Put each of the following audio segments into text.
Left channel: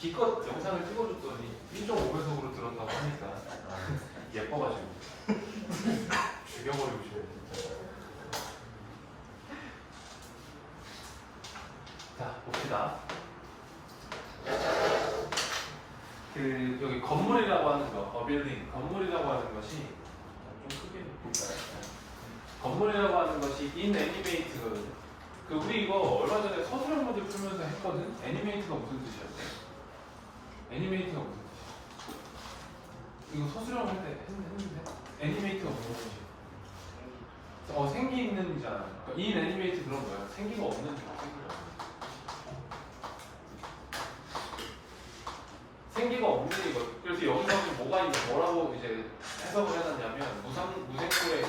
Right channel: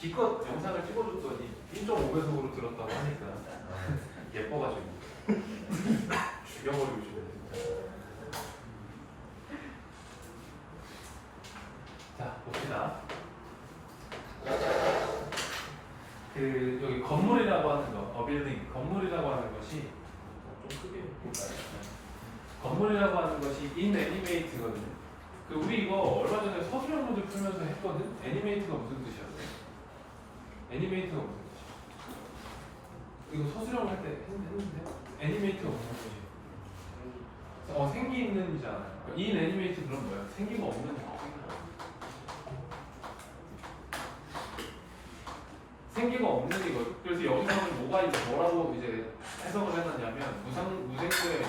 기껏 영상을 찍어줬더니 1.5배속으로 들었다고 하니까 예뻐가지고 죽여버리고 싶네 진짜. 자 봅시다. 그 여기 건물이라고 하는 거, 빌딩 건물이라고 하는 것이 좀 크게 볼까요? 건물이라고 하는 것이 inanimate거든요. 그 우리 이거 얼마 전에 서술형 문제 풀면서 했거든. 애니메이트가 무슨 뜻이었대? 애니메이트가 무슨 뜻이야? 이거 서술형 할 때 했는데 애니메이트가 무슨 뜻이야? 생기 있는이잖아. 인 애니메이트 그런 거야. 생기가 없는 거. 생기가 없는 이거. 그래서 여기서는 뭐가 이제 뭐라고 이제 해석을 해놨냐면 무생물의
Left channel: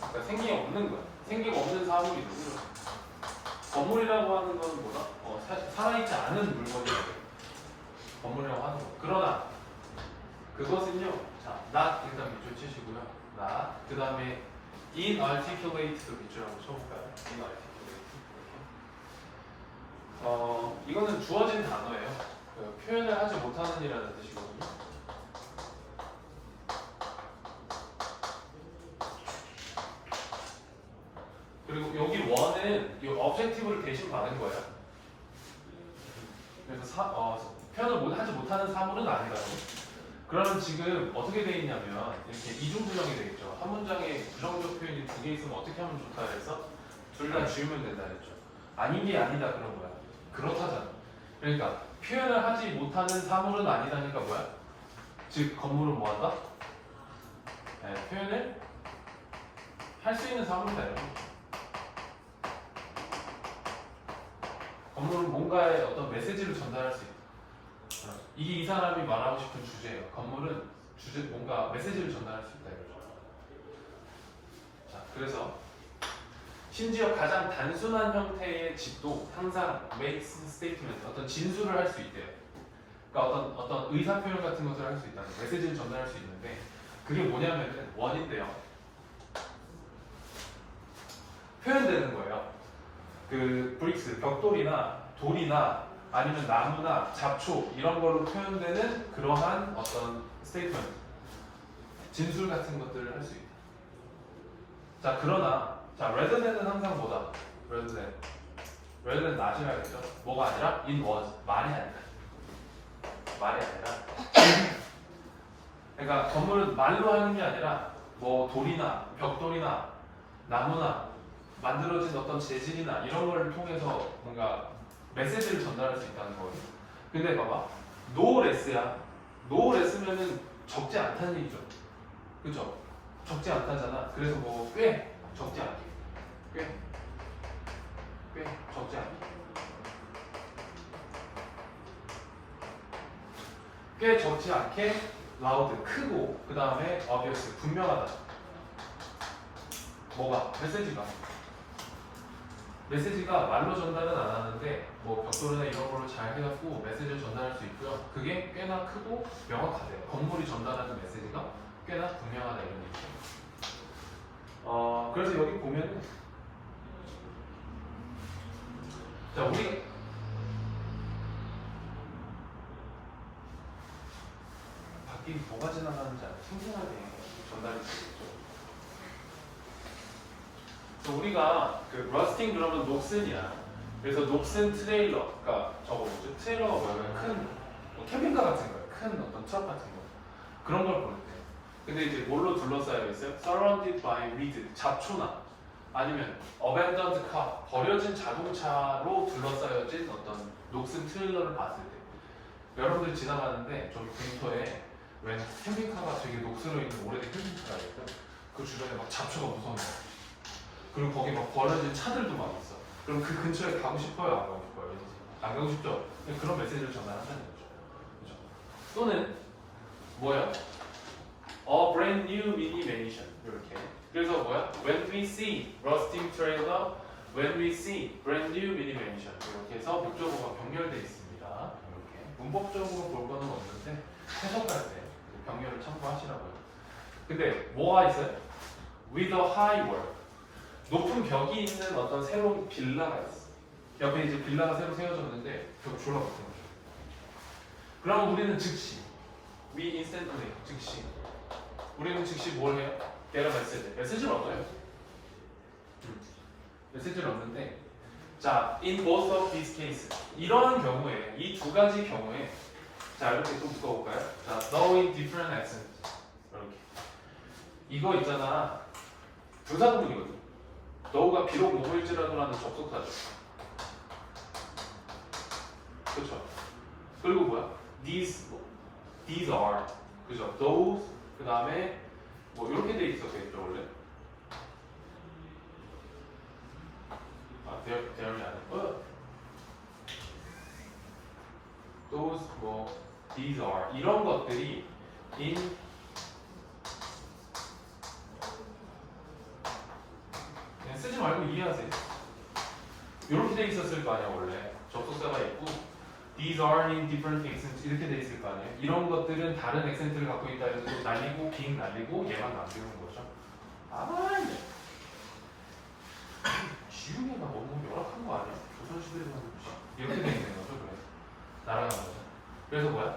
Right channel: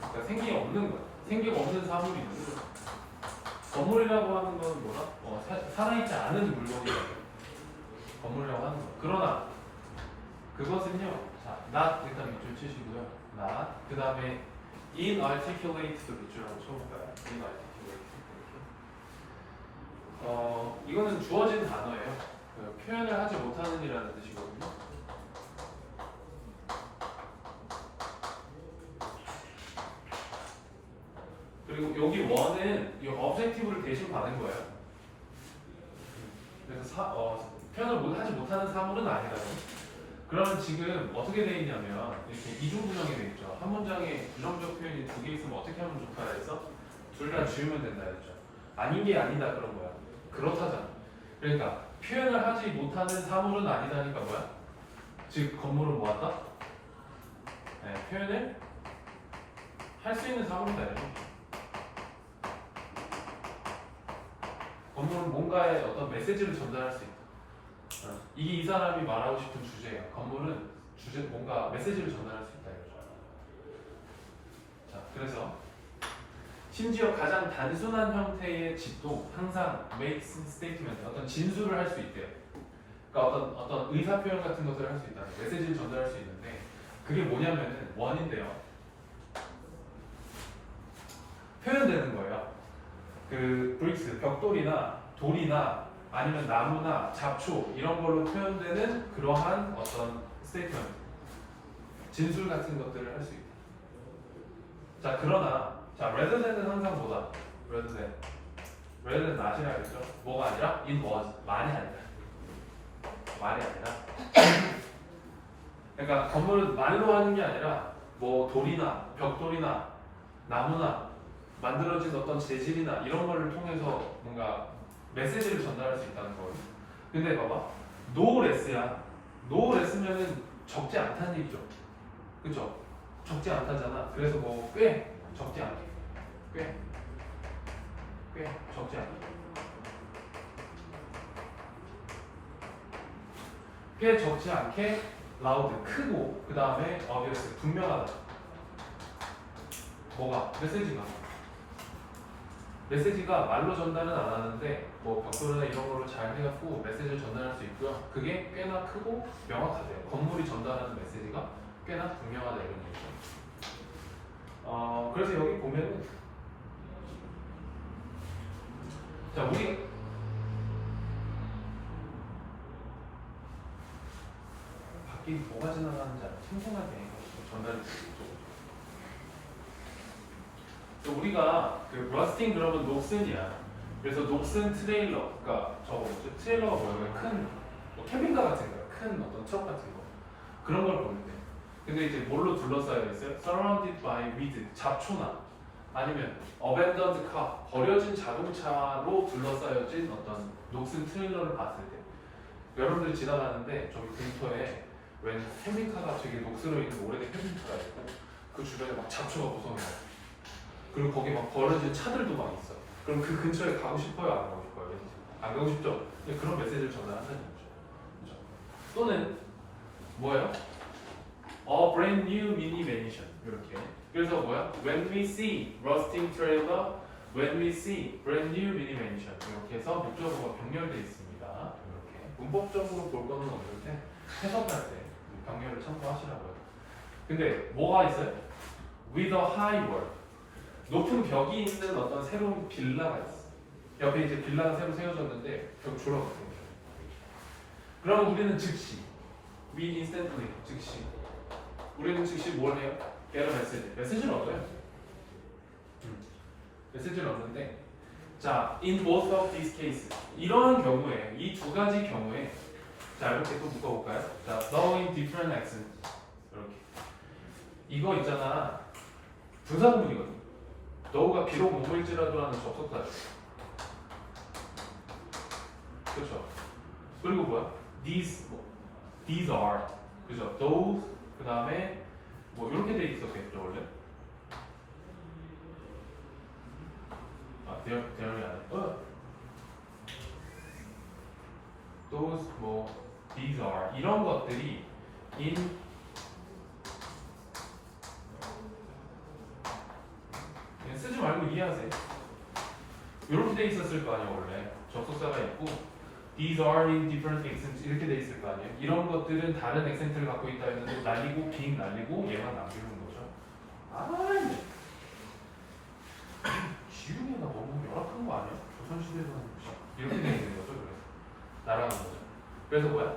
그러니까 생기가 없는 거야. 생기가 없는 사물이 있는 거야. 건물이라고 하는 건 뭐다? 살아있지 않은 물건이야. 건물이라고 하는 거. 그러나 그것은요. 자, not 일단 밑줄 치시고요. not 그 다음에 inarticulate도 밑줄하고 쳐볼까요? inarticulate 이렇게. 이거는 주어진 단어예요. 그 표현을 하지 못하는 일이라는 뜻이거든요. 그리고 여기 원은 이 objective를 대신 받은 거예요. 그래서 표현을 하지 못하는 사물은 아니라요. 그러면 지금 어떻게 돼 있냐면 이렇게 이중구형이 되겠죠. 한 문장에 부정적 표현이 두 개 있으면 어떻게 하면 좋다 해서 둘 다 지우면 된다 했죠. 아닌 게 아니다 그런 거야. 그렇다잖아. 그러니까 표현을 하지 못하는 사물은 아니다니까 뭐야? 즉 건물은 뭐한다? 네, 표현을 할 수 있는 사물이다 이런 거죠. 건물은 뭔가의 어떤 메시지를 전달할 수 있다. 이게 이 사람이 말하고 싶은 주제예요. 건물은 뭔가 메시지를 전달할 수 있다 이거죠. 자, 그래서 심지어 가장 단순한 형태의 집도 항상 makes statement, 어떤 진술을 할 수 있대요. 그러니까 어떤 의사 표현 같은 것들을 할 수 있다는 거예요. 메시지를 전달할 수 있는데 그게 뭐냐면은 원인데요. 표현되는 거예요. 그 브릭스, 벽돌이나 돌이나 아니면 나무나 잡초 이런 걸로 표현되는 그러한 어떤 스테이트먼트, 진술 같은 것들을 할 수 있다. 자, 그러나 자, rather than은 항상 뭐다? rather than not이라 했죠. 뭐가 아니라 it was, 말이 아니라. 그러니까 건물은 말로 하는 게 아니라 뭐 돌이나 벽돌이나 나무나 만들어진 어떤 재질이나 이런 거를 통해서 뭔가 메시지를 전달할 수 있다는 거거든요. 근데 봐봐, no less야. no less면은 적지 않다는 얘기죠. 그죠? 적지 않다잖아. 그래서 뭐 꽤 적지 않게, 꽤 적지 않게, 꽤 적지 않게 loud, 크고 그 다음에 obvious, 분명하다. 뭐가? 메시지가 말로 전달은 안 하는데 뭐 벽돌이나 이런 걸로 잘 해갖고 메시지를 전달할 수 있고요. 그게 꽤나 크고 명확하대요. 건물이 전달하는 메시지가 꽤나 분명하다 이런 얘기죠. 그래서 여기 보면은 자 우리 밖에 뭐가 지나가는지 생생하게 전달할 수 있죠. 우리가 그 러스팅 그러면 녹슨이야. 그래서 녹슨 트레일러, 그러니까 저거 뭐죠? 트레일러가 뭐예요? 큰 뭐 캠핑카 같은 거야. 큰 어떤 트럭 같은 거 그런 걸 볼 때. 근데 이제 뭘로 둘러싸여 있어요? Surrounded by weed, 잡초나 아니면 abandoned car, 버려진 자동차로 둘러싸여진 어떤 녹슨 트레일러를 봤을 때 여러분들이 지나가는데 저기 공터에 웬 캠핑카가 되게 녹슬어 있는 오래된 캠핑카가 있고 그 주변에 막 잡초가 무성해. 그리고 거기 막 버려진 차들도 막 있어. 그럼 그 근처에 가고 싶어요? 안 가고 싶어요? 안 가고 싶죠? 그런 메시지를 전달한다는 거죠. 그렇죠? 또는 뭐예요? A brand new mini mansion 이렇게. 그래서 뭐야? When we see rusting trailer, when we see brand new mini mansion 이렇게 해서 목적어가 병렬되어 있습니다. 이렇게. 문법적으로 볼 거는 없는데 해석할 때 병렬을 참고하시라고요. 근데 뭐가 있어요? With a high wall. 높은 벽이 있는 어떤 새로운 빌라가 있어. 옆에 이제 빌라가 새로 세워졌는데 벽 졸라 같은 거예요. 그러면 우리는 즉시 we instantly 즉시 우리는 즉시 뭘 해요? get a message. 메시지를 얻어요. 메시지를 얻는데 자, in both of these cases 이런 경우에 이 두 가지 경우에 자 이렇게 또 묶어볼까요? 자, though in different accents 이렇게 이거 있잖아 분사구문이거든. though가 비록 뭐일지라도라는 접속사죠. 그렇죠? 그리고 뭐야? these are 그죠? those 그 다음에 뭐 이렇게 돼 있었겠죠 원래? 아, 대열이 아니야. those 뭐 these are 이런 것들이 in 쓰지 말고 이해하세요. 이렇게 돼 있었을 거 아니야 원래. 접속사가 있고 these are in different accents 이렇게 돼 있을 거 아니에요. 이런 것들은 다른 액센트를 갖고 있다는 거 날리고 빙 날리고 얘만 남기는 거죠. 아, 네. 지훈이가 너무 열악한 거 아니야? 조선시대에서 이렇게 돼 있는 거죠, 그래. 날아가는 거죠. 그래서 뭐야?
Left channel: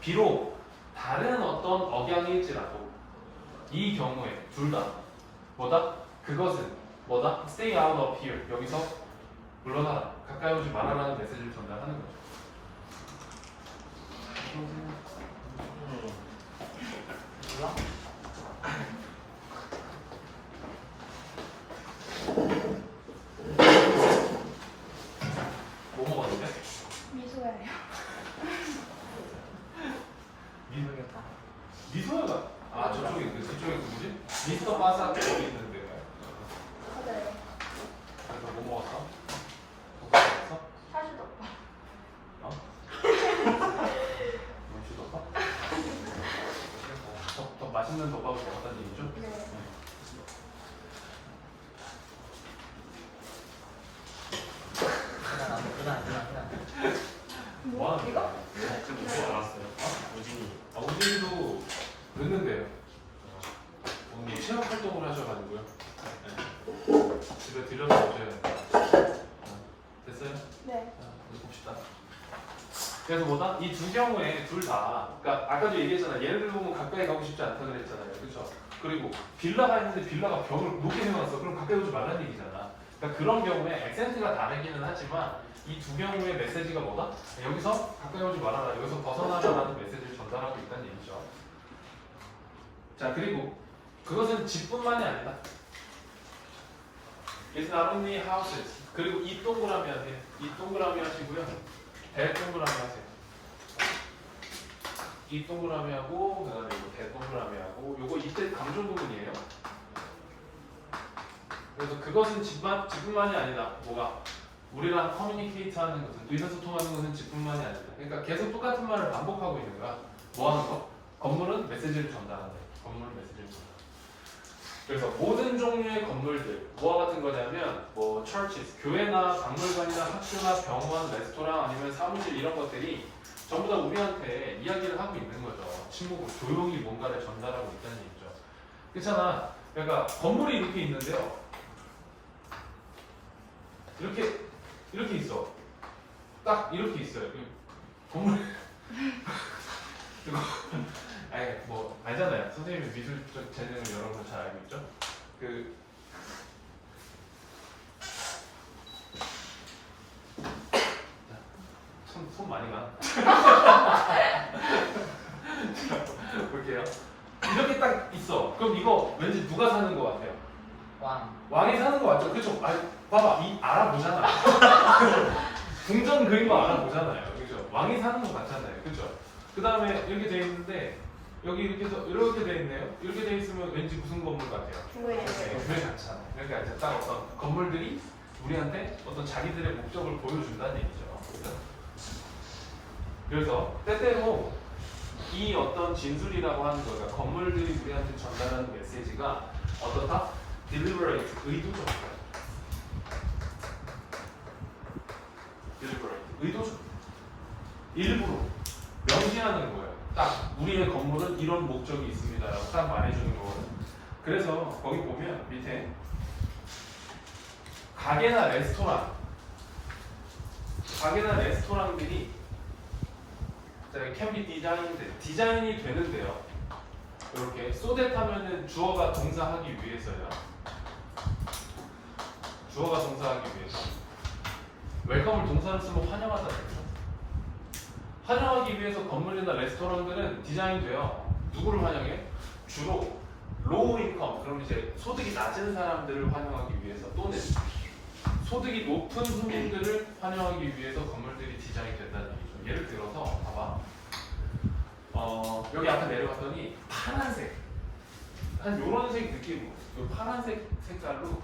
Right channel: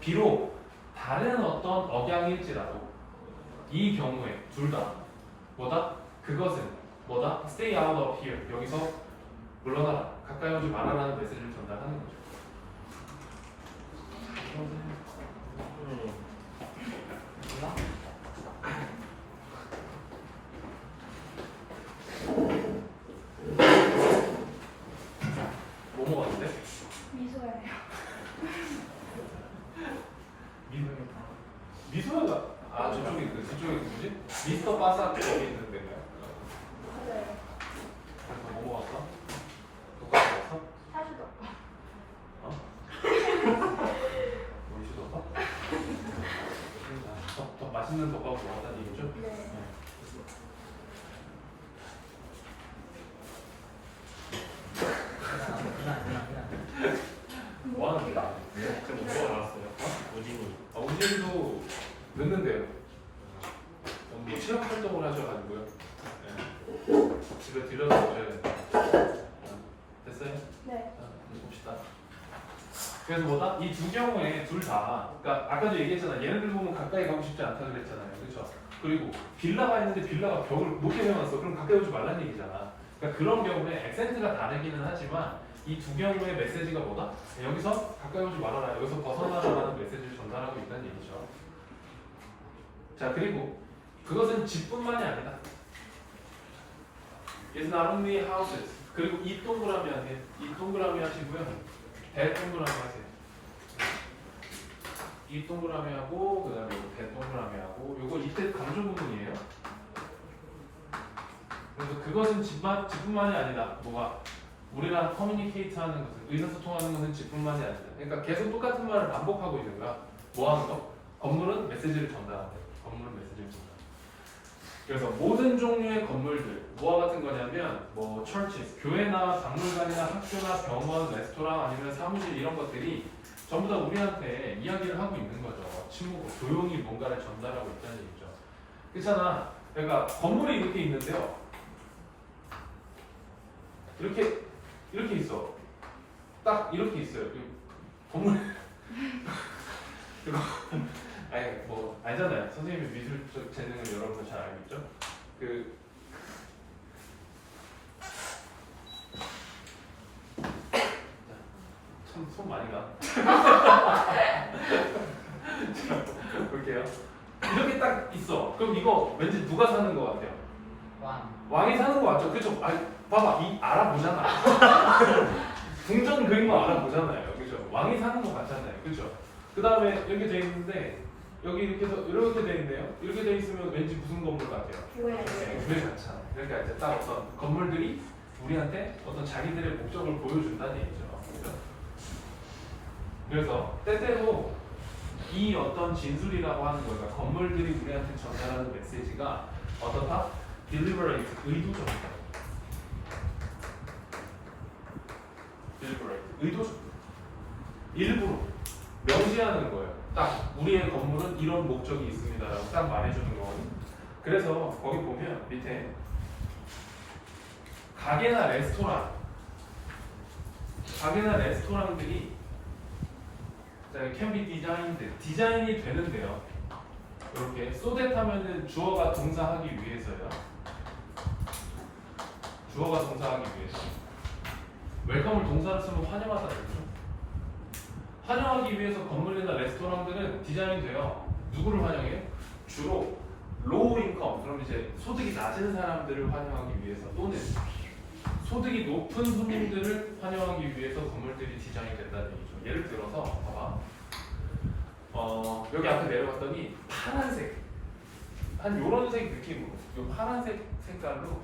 비록 다른 어떤 억양일지라도 이 경우에 둘 다 뭐다? 그것은 뭐다? Stay out of here. 여기서 물러나라. 가까이 오지 말아라는 메시지를 전달하는 거죠. 뭐 먹었는데? 미소예요. 미소가 아 저쪽에 저쪽에 누구지? 미스터 바사 거기 있는 데가요? 네. 그래서 뭐 먹었어? 덮밥 먹었어? 사주덮밥. 어? 음식 덮밥? 더 맛있는 덮밥을 먹었다는 얘기죠? 네. 뭐 하는 거야? 지금 어디에 나왔어요? 오진이. 우진이도 늦는데요. 뭐 체육 활동을 하셔가지고요. 네. 집에 들려서 오셔야 됩니다. 됐어요? 네. 자, 봅시다. 그래서 뭐다? 이 두 경우에 둘 다, 그러니까 아까도 얘기했잖아. 얘네들 보면 가까이 가고 싶지 않다 그랬잖아요, 그렇죠? 그리고 빌라가 있는데 빌라가 벽을 높게 세워놨어. 그럼 가까이 오지 말라는 얘기잖아. 그러니까 그런 경우에 액센트가 다르기는 하지만 이 두 경우의 메시지가 뭐다? 여기서 가까이 오지 말아라, 여기서 벗어나라라는 메시지를 전달하고 있다는 얘기죠. 자, 그리고 그것은 집뿐만이 아니다. It's not only houses. 그리고 이 동그라미 안에 이 동그라미 하시고요. 대 동그라미 하세요. 이 동그라미 하고 그다음에 이거 대 동그라미 하고 요거 이때 강조 부분이에요. 그래서 그것은 집뿐만이 아니다. 뭐가? 우리랑 커뮤니케이트 하는 것은 의사소통하는 것은 집뿐만이 아니다. 그러니까 계속 똑같은 말을 반복하고 있는 거야. 뭐 하는 거? 건물은 메시지를 전달한대. 건물은 메시지를 전달. 그래서 모든 종류의 건물들 뭐와 같은 거냐면 뭐 churches, 교회나 박물관이나 학교나 병원, 레스토랑 아니면 사무실 이런 것들이 전부 다 우리한테 이야기를 하고 있는 거죠. 침묵으로 조용히 뭔가를 전달하고 있다는 얘기죠. 그렇잖아. 그러니까 건물이 이렇게 있는데요. 이렇게 있어. 딱 이렇게 있어요. 건물 이거 아니 뭐 알잖아요. 선생님이 미술적 재능을 여러분들 잘 알고 있죠. 손 많이 가. 자, 볼게요. 이렇게 딱 있어. 그럼 이거 왠지 누가 사는 것 같아요? 왕이 사는 거 맞죠? 그죠? 아, 봐봐, 이 알아보잖아. 궁전 그린 거 알아보잖아요, 그죠? 왕이 사는 거 같잖아요, 그죠? 그 다음에 이렇게 돼 있는데 여기 이렇게 해서 이렇게 돼 있네요. 이렇게 돼 있으면 왠지 무슨 건물 같아요? 교회. 네, 교회 같잖아요. 그러니까 이제 딱 어떤 건물들이 우리한테 어떤 자기들의 목적을 보여준다는 얘기죠. 그래서 때때로 이 어떤 진술이라고 하는 거가 건물들이 우리한테 전달하는 메시지가 어떻다? deliberate, 의도적이다. deliberate, 의도적. 일부러 명시하는 거예요. 딱 우리의 건물은 이런 목적이 있습니다라고 딱 말해주는 거거든. 그래서 거기 보면 밑에 가게나 레스토랑 가게나 레스토랑들이 can be designed 디자인이 되는데요. 이렇게 so that 하면은 주어가 동사하기 위해서요. 주어가 동사하기 위해서. 웰컴을 동사로 쓰면 환영하다 그랬죠. 환영하기 위해서 건물이나 레스토랑들은 디자인돼요. 누구를 환영해? 주로 로우 인컴, 그럼 이제 소득이 낮은 사람들을 환영하기 위해서 또는 소득이 높은 손님들을 환영하기 위해서 건물들이 디자인이 됐다는 얘기죠. 예를 들어서 봐봐. 여기 앞에 내려갔더니 파란색, 한 요런 색 느낌으로, 요 파란색 색깔로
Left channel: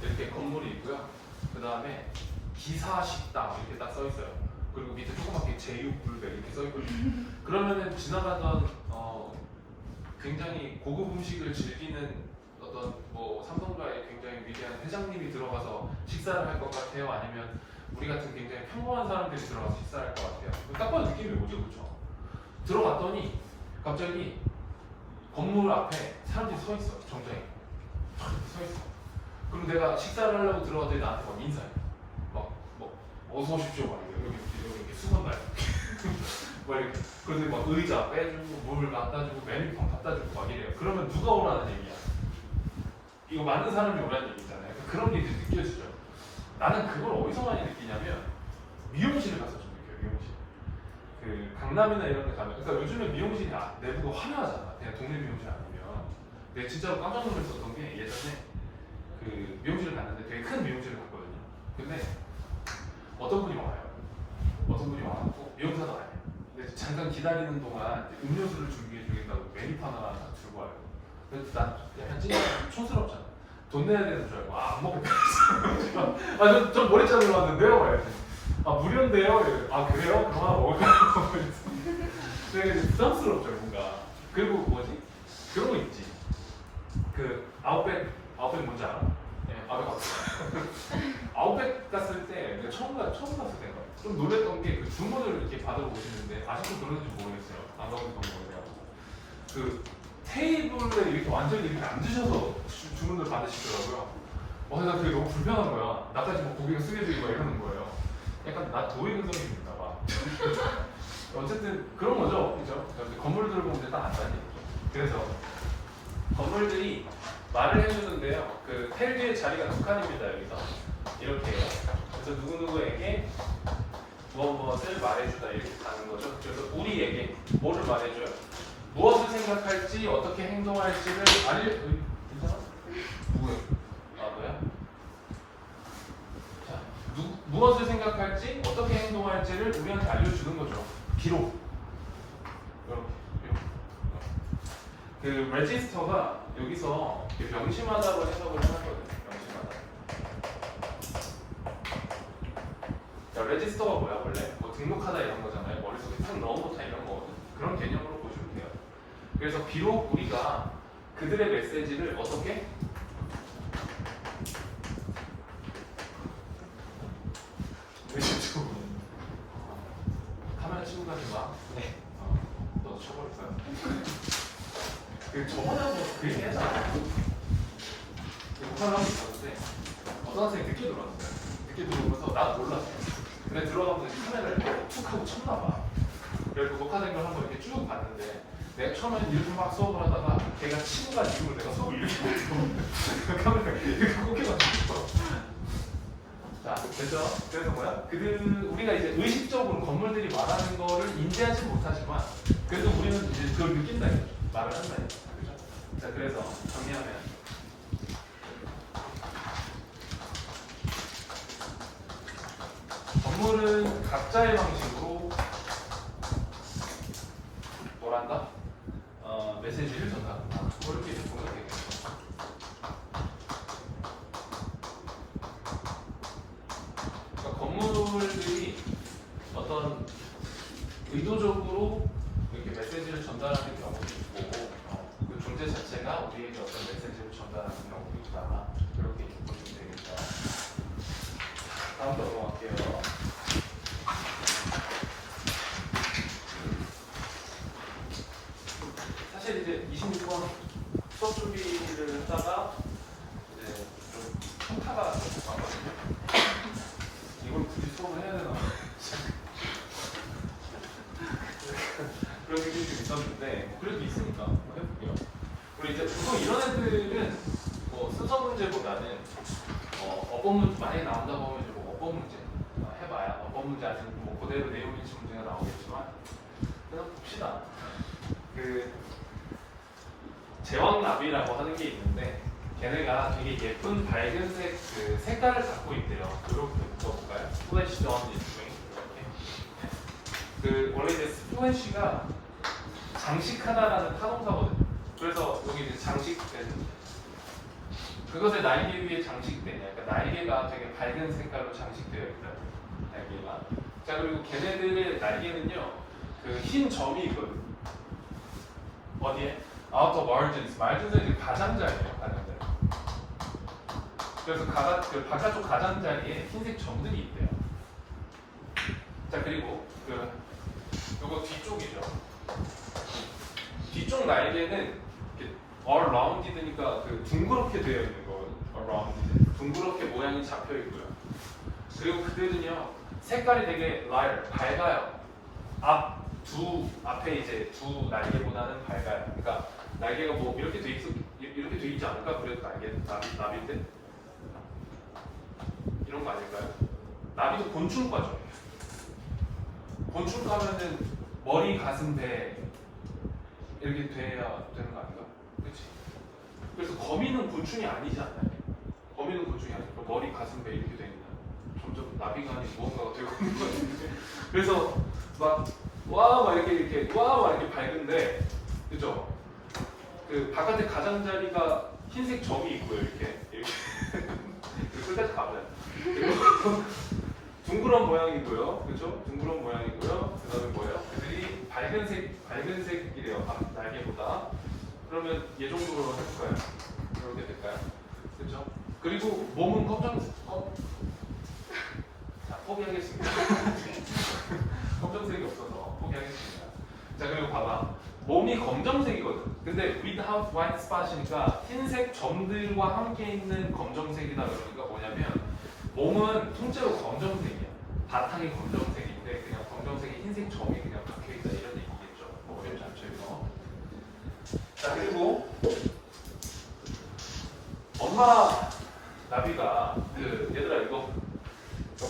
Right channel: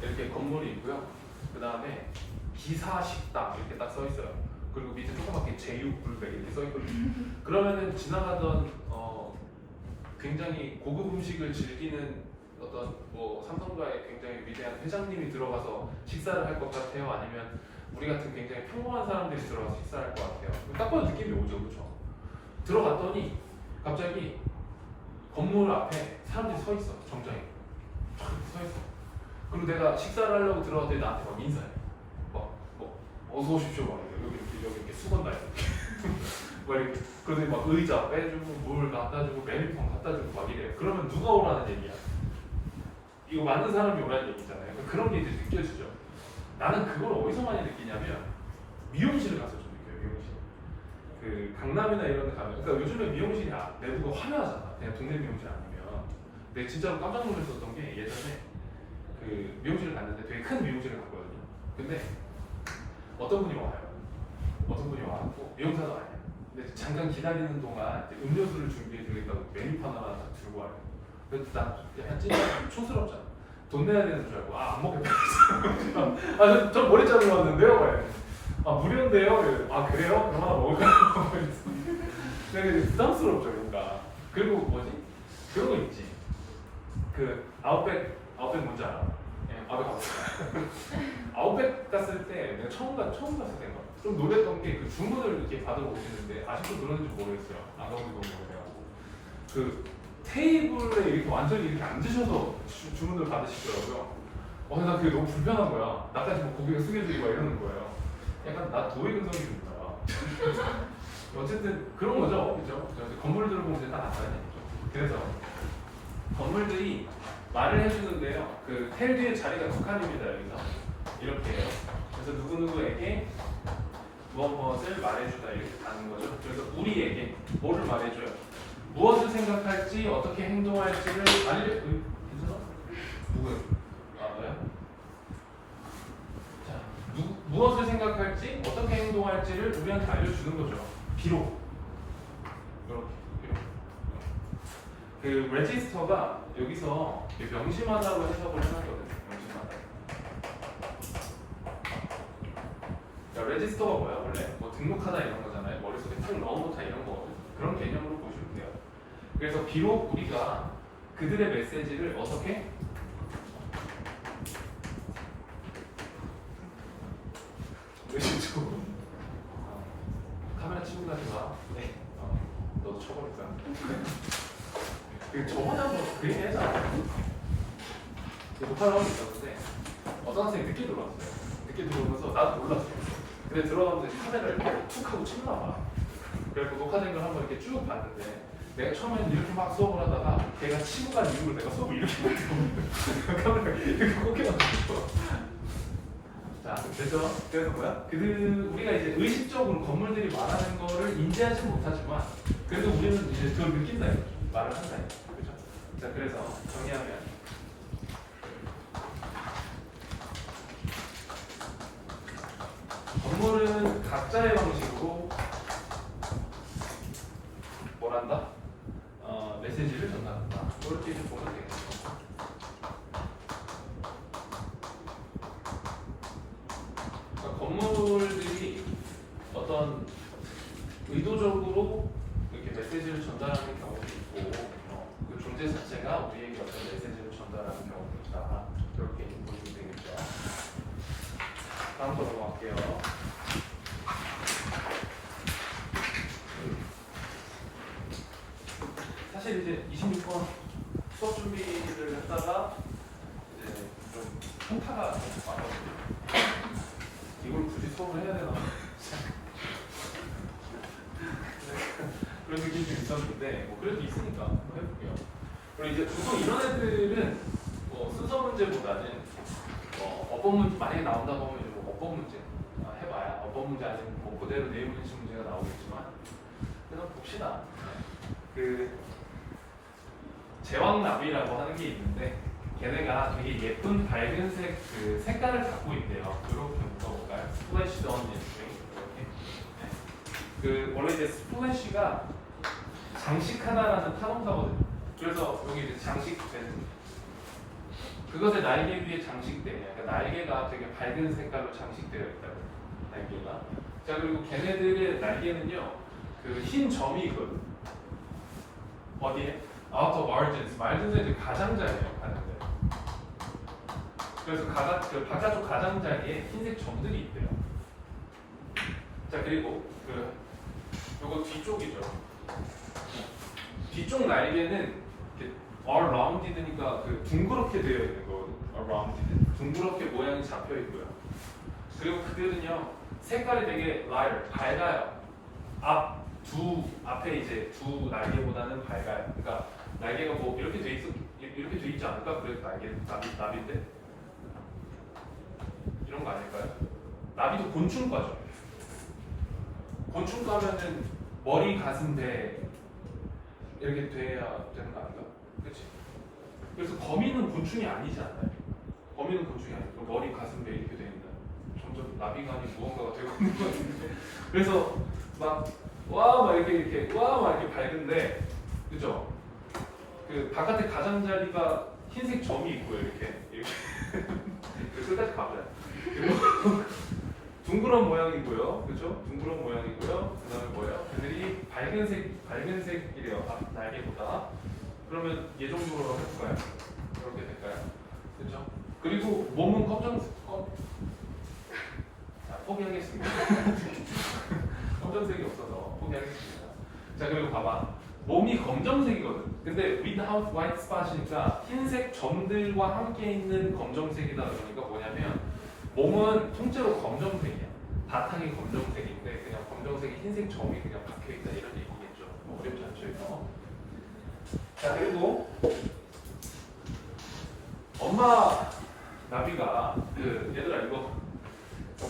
이렇게 건물이 있고요. 그 다음에 기사식당 이렇게 딱 써 있어요. 그리고 밑에 조그맣게 제육불백 이렇게 써 있거든요. 그러면은 지나가던 굉장히 고급 음식을 즐기는 어떤 뭐 삼성가의 굉장히 위대한 회장님이 들어가서 식사를 할 것 같아요? 아니면 우리 같은 굉장히 평범한 사람들이 들어가서 식사할 것 같아요? 딱 봐도 느낌이 오죠, 그렇죠? 들어갔더니 갑자기 건물 앞에 사람들이 서 있어, 정장에 서 있어. 그리고 내가 식사를 하려고 들어갔더니 나한테 막 인사해. 뭐 어서 오십시오, 막 여기 이렇게 수건 달고. 뭐 이렇게 그러더니 막 의자 빼주고 물 갖다 주고 메뉴판 갖다 주고 막 이래요. 그러면 누가 오라는 얘기야? 이거 많은 사람이 오라는 얘기잖아요. 그러니까 그런 게 이제 느껴지죠. 나는 그걸 어디서 많이 느끼냐면 미용실을 가서 좀 느껴요. 미용실. 그 강남이나 이런 데 가면, 그러니까 요즘에 미용실이 내부가 화려하잖아. 그냥 동네 미용실 아니면. 근데 진짜로 깜짝 놀랐었던 게 예전에 그 미용실을 갔는데 되게 큰 미용실을 갔거든요. 근데 어떤 분이 와요. 어떤 분이 와갖고 미용사가 아니야. 근데 잠깐 기다리는 동안 이제 음료수를 준비해 주겠다고 메뉴판 하나 딱 들고 와요. 그래서 난 약간 찐 촌스럽잖아. 돈 내야 되는 줄 알고 안 먹겠다. 저 머리 자르러 왔는데요? 말이야. 무료인데요? 그래요? 그럼 하나 먹을까요? 되게 부담스럽죠 뭔가. 그리고 뭐지? 그런 거 있지. 그 아웃백 뭔지 알아? 네, 아웃백 갔어. 아웃백 갔을 때 내가 처음 갔을 때인가? 좀 놀랬던 게 그 주문을 이렇게 받으러 오시는데 아직도 그러는지 모르겠어요. 안 가본 지 너무 오래가지고. 그 테이블에 이렇게 완전히 이렇게 앉으셔서 주문을 받으시더라고요. 근데 나 그게 너무 불편한 거야. 나까지 뭐 고개가 숙여지고 이러는 거예요. 약간 나 도의근성이 좀 있나 봐. 어쨌든 그런 거죠, 그죠? 건물들을 보면 딱 안다는 얘기죠. 그래서 건물들이 말을 해주는데요. 그 텔 뒤에 자리가 두 칸입니다. 여기서 이렇게요. 그래서 누구누구에게 무엇을 말해주다 이렇게 가는 거죠. 그래서 우리에게 뭐를 말해줘요? 무엇을 생각할지, 어떻게 행동할지를 괜찮아? 누구예요? 너야? 자, 무엇을 생각할지, 어떻게 행동할지를 우리한테 알려주는 거죠. 비록. 그 레지스터가 여기서 명심하다로 해석을 해놨거든요. 명심하다. 레지스터가 뭐야 원래? 뭐 등록하다 이런 거잖아요. 머릿속에 탁 넣어놓자 이런 거거든요. 그런 개념으로 보시면 돼요. 그래서 비록 우리가 그들의 메시지를 어떻게 의식적으로 카메라 치고 가지 마. 네. 너도 쳐버릴 거야. 저번에 한번 그 얘기 했잖아. 녹화를 하고 있었는데 어떤 학생이 늦게 들어왔어요. 늦게 들어오면서 나도 몰랐어요. 근데 들어가면서 카메라를 툭 하고 쳤나 봐. 그래서 녹화된 걸 한번 이렇게 쭉 봤는데 내가 처음에는 이렇게 막 수업을 하다가 걔가 치고 간 이후로 내가 수업을 이렇게 못하고 카메라 이렇게 꽂혀가지고. 자, 됐죠? 그래서 뭐야? 우리가 이제 의식적으로 건물들이 말하는 거를 인지하지 못하지만 그래도 우리는 이제 그걸 느낀다 이거죠. 말을 한다 이거죠. 그렇죠? 자, 그래서 정리하면 건물은 각자의 방식으로 뭘 한다? 메시지를 전달한다. 이렇게 보면 되겠죠. 그러니까 건물들이 어떤 의도적으로 이렇게 메시지를 전달하는 경우도 있고, 그 존재 자체가 우리에게 어떤 메시지를 전달하는 경우도 있다. 이렇게 보시면 되겠죠. 다음 거 넘어갈게요. 사실 이제 26번 수업 준비를 했다가 이제 좀 현타가 왔거든요. 이걸 굳이 수업을 해야 되나? 있었는데 뭐 그래도 있으니까 한번 해볼게요. 그리고 이제 보통 이런 애들은 뭐 순서 문제보다는 어법 문제 만약에 나온다고 하면 이제 뭐 어법 문제 해봐야 어법 문제 아니면 뭐 그대로 내용 일치 문제가 나오겠지만 그래서 봅시다. 그 제왕나비라고 하는 게 있는데 걔네가 되게 예쁜 밝은색 그 색깔을 갖고 있대요. 이렇게 묶어볼까요? 스플래시 던 이렇게. 그 원래 이제 스플래시가 장식하다라는 타동사거든요. 그래서 여기 이제 장식된 그것을 날개 위에 장식되냐. 그러니까 날개가 되게 밝은 색깔로 장식되어 있다. 날개가. 자 그리고 걔네들의 날개는요. 그 흰 점이 있거든. 어디에? outer margins. margins의 가장자리예요. 가장자리. 그래서 그 바깥쪽 가장자리에 흰색 점들이 있대요. 자 그리고 요거 뒤쪽이죠. 뒤쪽 날개는 이렇게 rounded니까 그 둥그렇게 되어 있는 거거든요. rounded. 둥그렇게 모양이 잡혀 있고요. 그리고 그들은요 색깔이 되게 lighter, 밝아요. 앞에 이제 두 날개보다는 밝아요. 그러니까 날개가 뭐 이렇게 돼 있지 않을까? 그래도 나비인데 이런 거 아닐까요? 나비도 곤충과죠. 곤충과면은 머리, 가슴, 배 이렇게 돼야 되는 거 아닌가? 그렇지? 그래서 거미는 곤충이 아니지 않나요? 거미는 곤충이 아니고 머리, 가슴, 배 이렇게 돼 있나요? 점점 나비가 아닌 무언가가 되고 있는 거 같은데. 그래서 막 이렇게 밝은데, 그죠? 그 바깥에 가장자리가 흰색 점이 있고요, 이렇게 끝까지 가보자. 그리고 둥그런 모양이고요, 그죠? 둥그런 모양이고요. 그다음에 뭐예요? 그들이 밝은색이래요, 날개보다. 그러면 얘 정도로 해볼까요? 이렇게 될까요? 그죠? 그리고 몸은 자, 포기하겠습니다. 검정색이 없어서 포기하겠습니다. 자 그리고 봐봐, 몸이 검정색이거든. 근데 without white spot이니까 흰색 점들과 함께 있는 검정색이다. 그러니까 뭐냐면 몸은 통째로 검정색이야. 바탕이 검정색인데 그냥 검정색에 흰색 점이 그냥 박혀있다 이런 얘기겠죠. 뭐 어렵지 않죠 이거. 자 그리고 엄마 나비가 얘들아 이거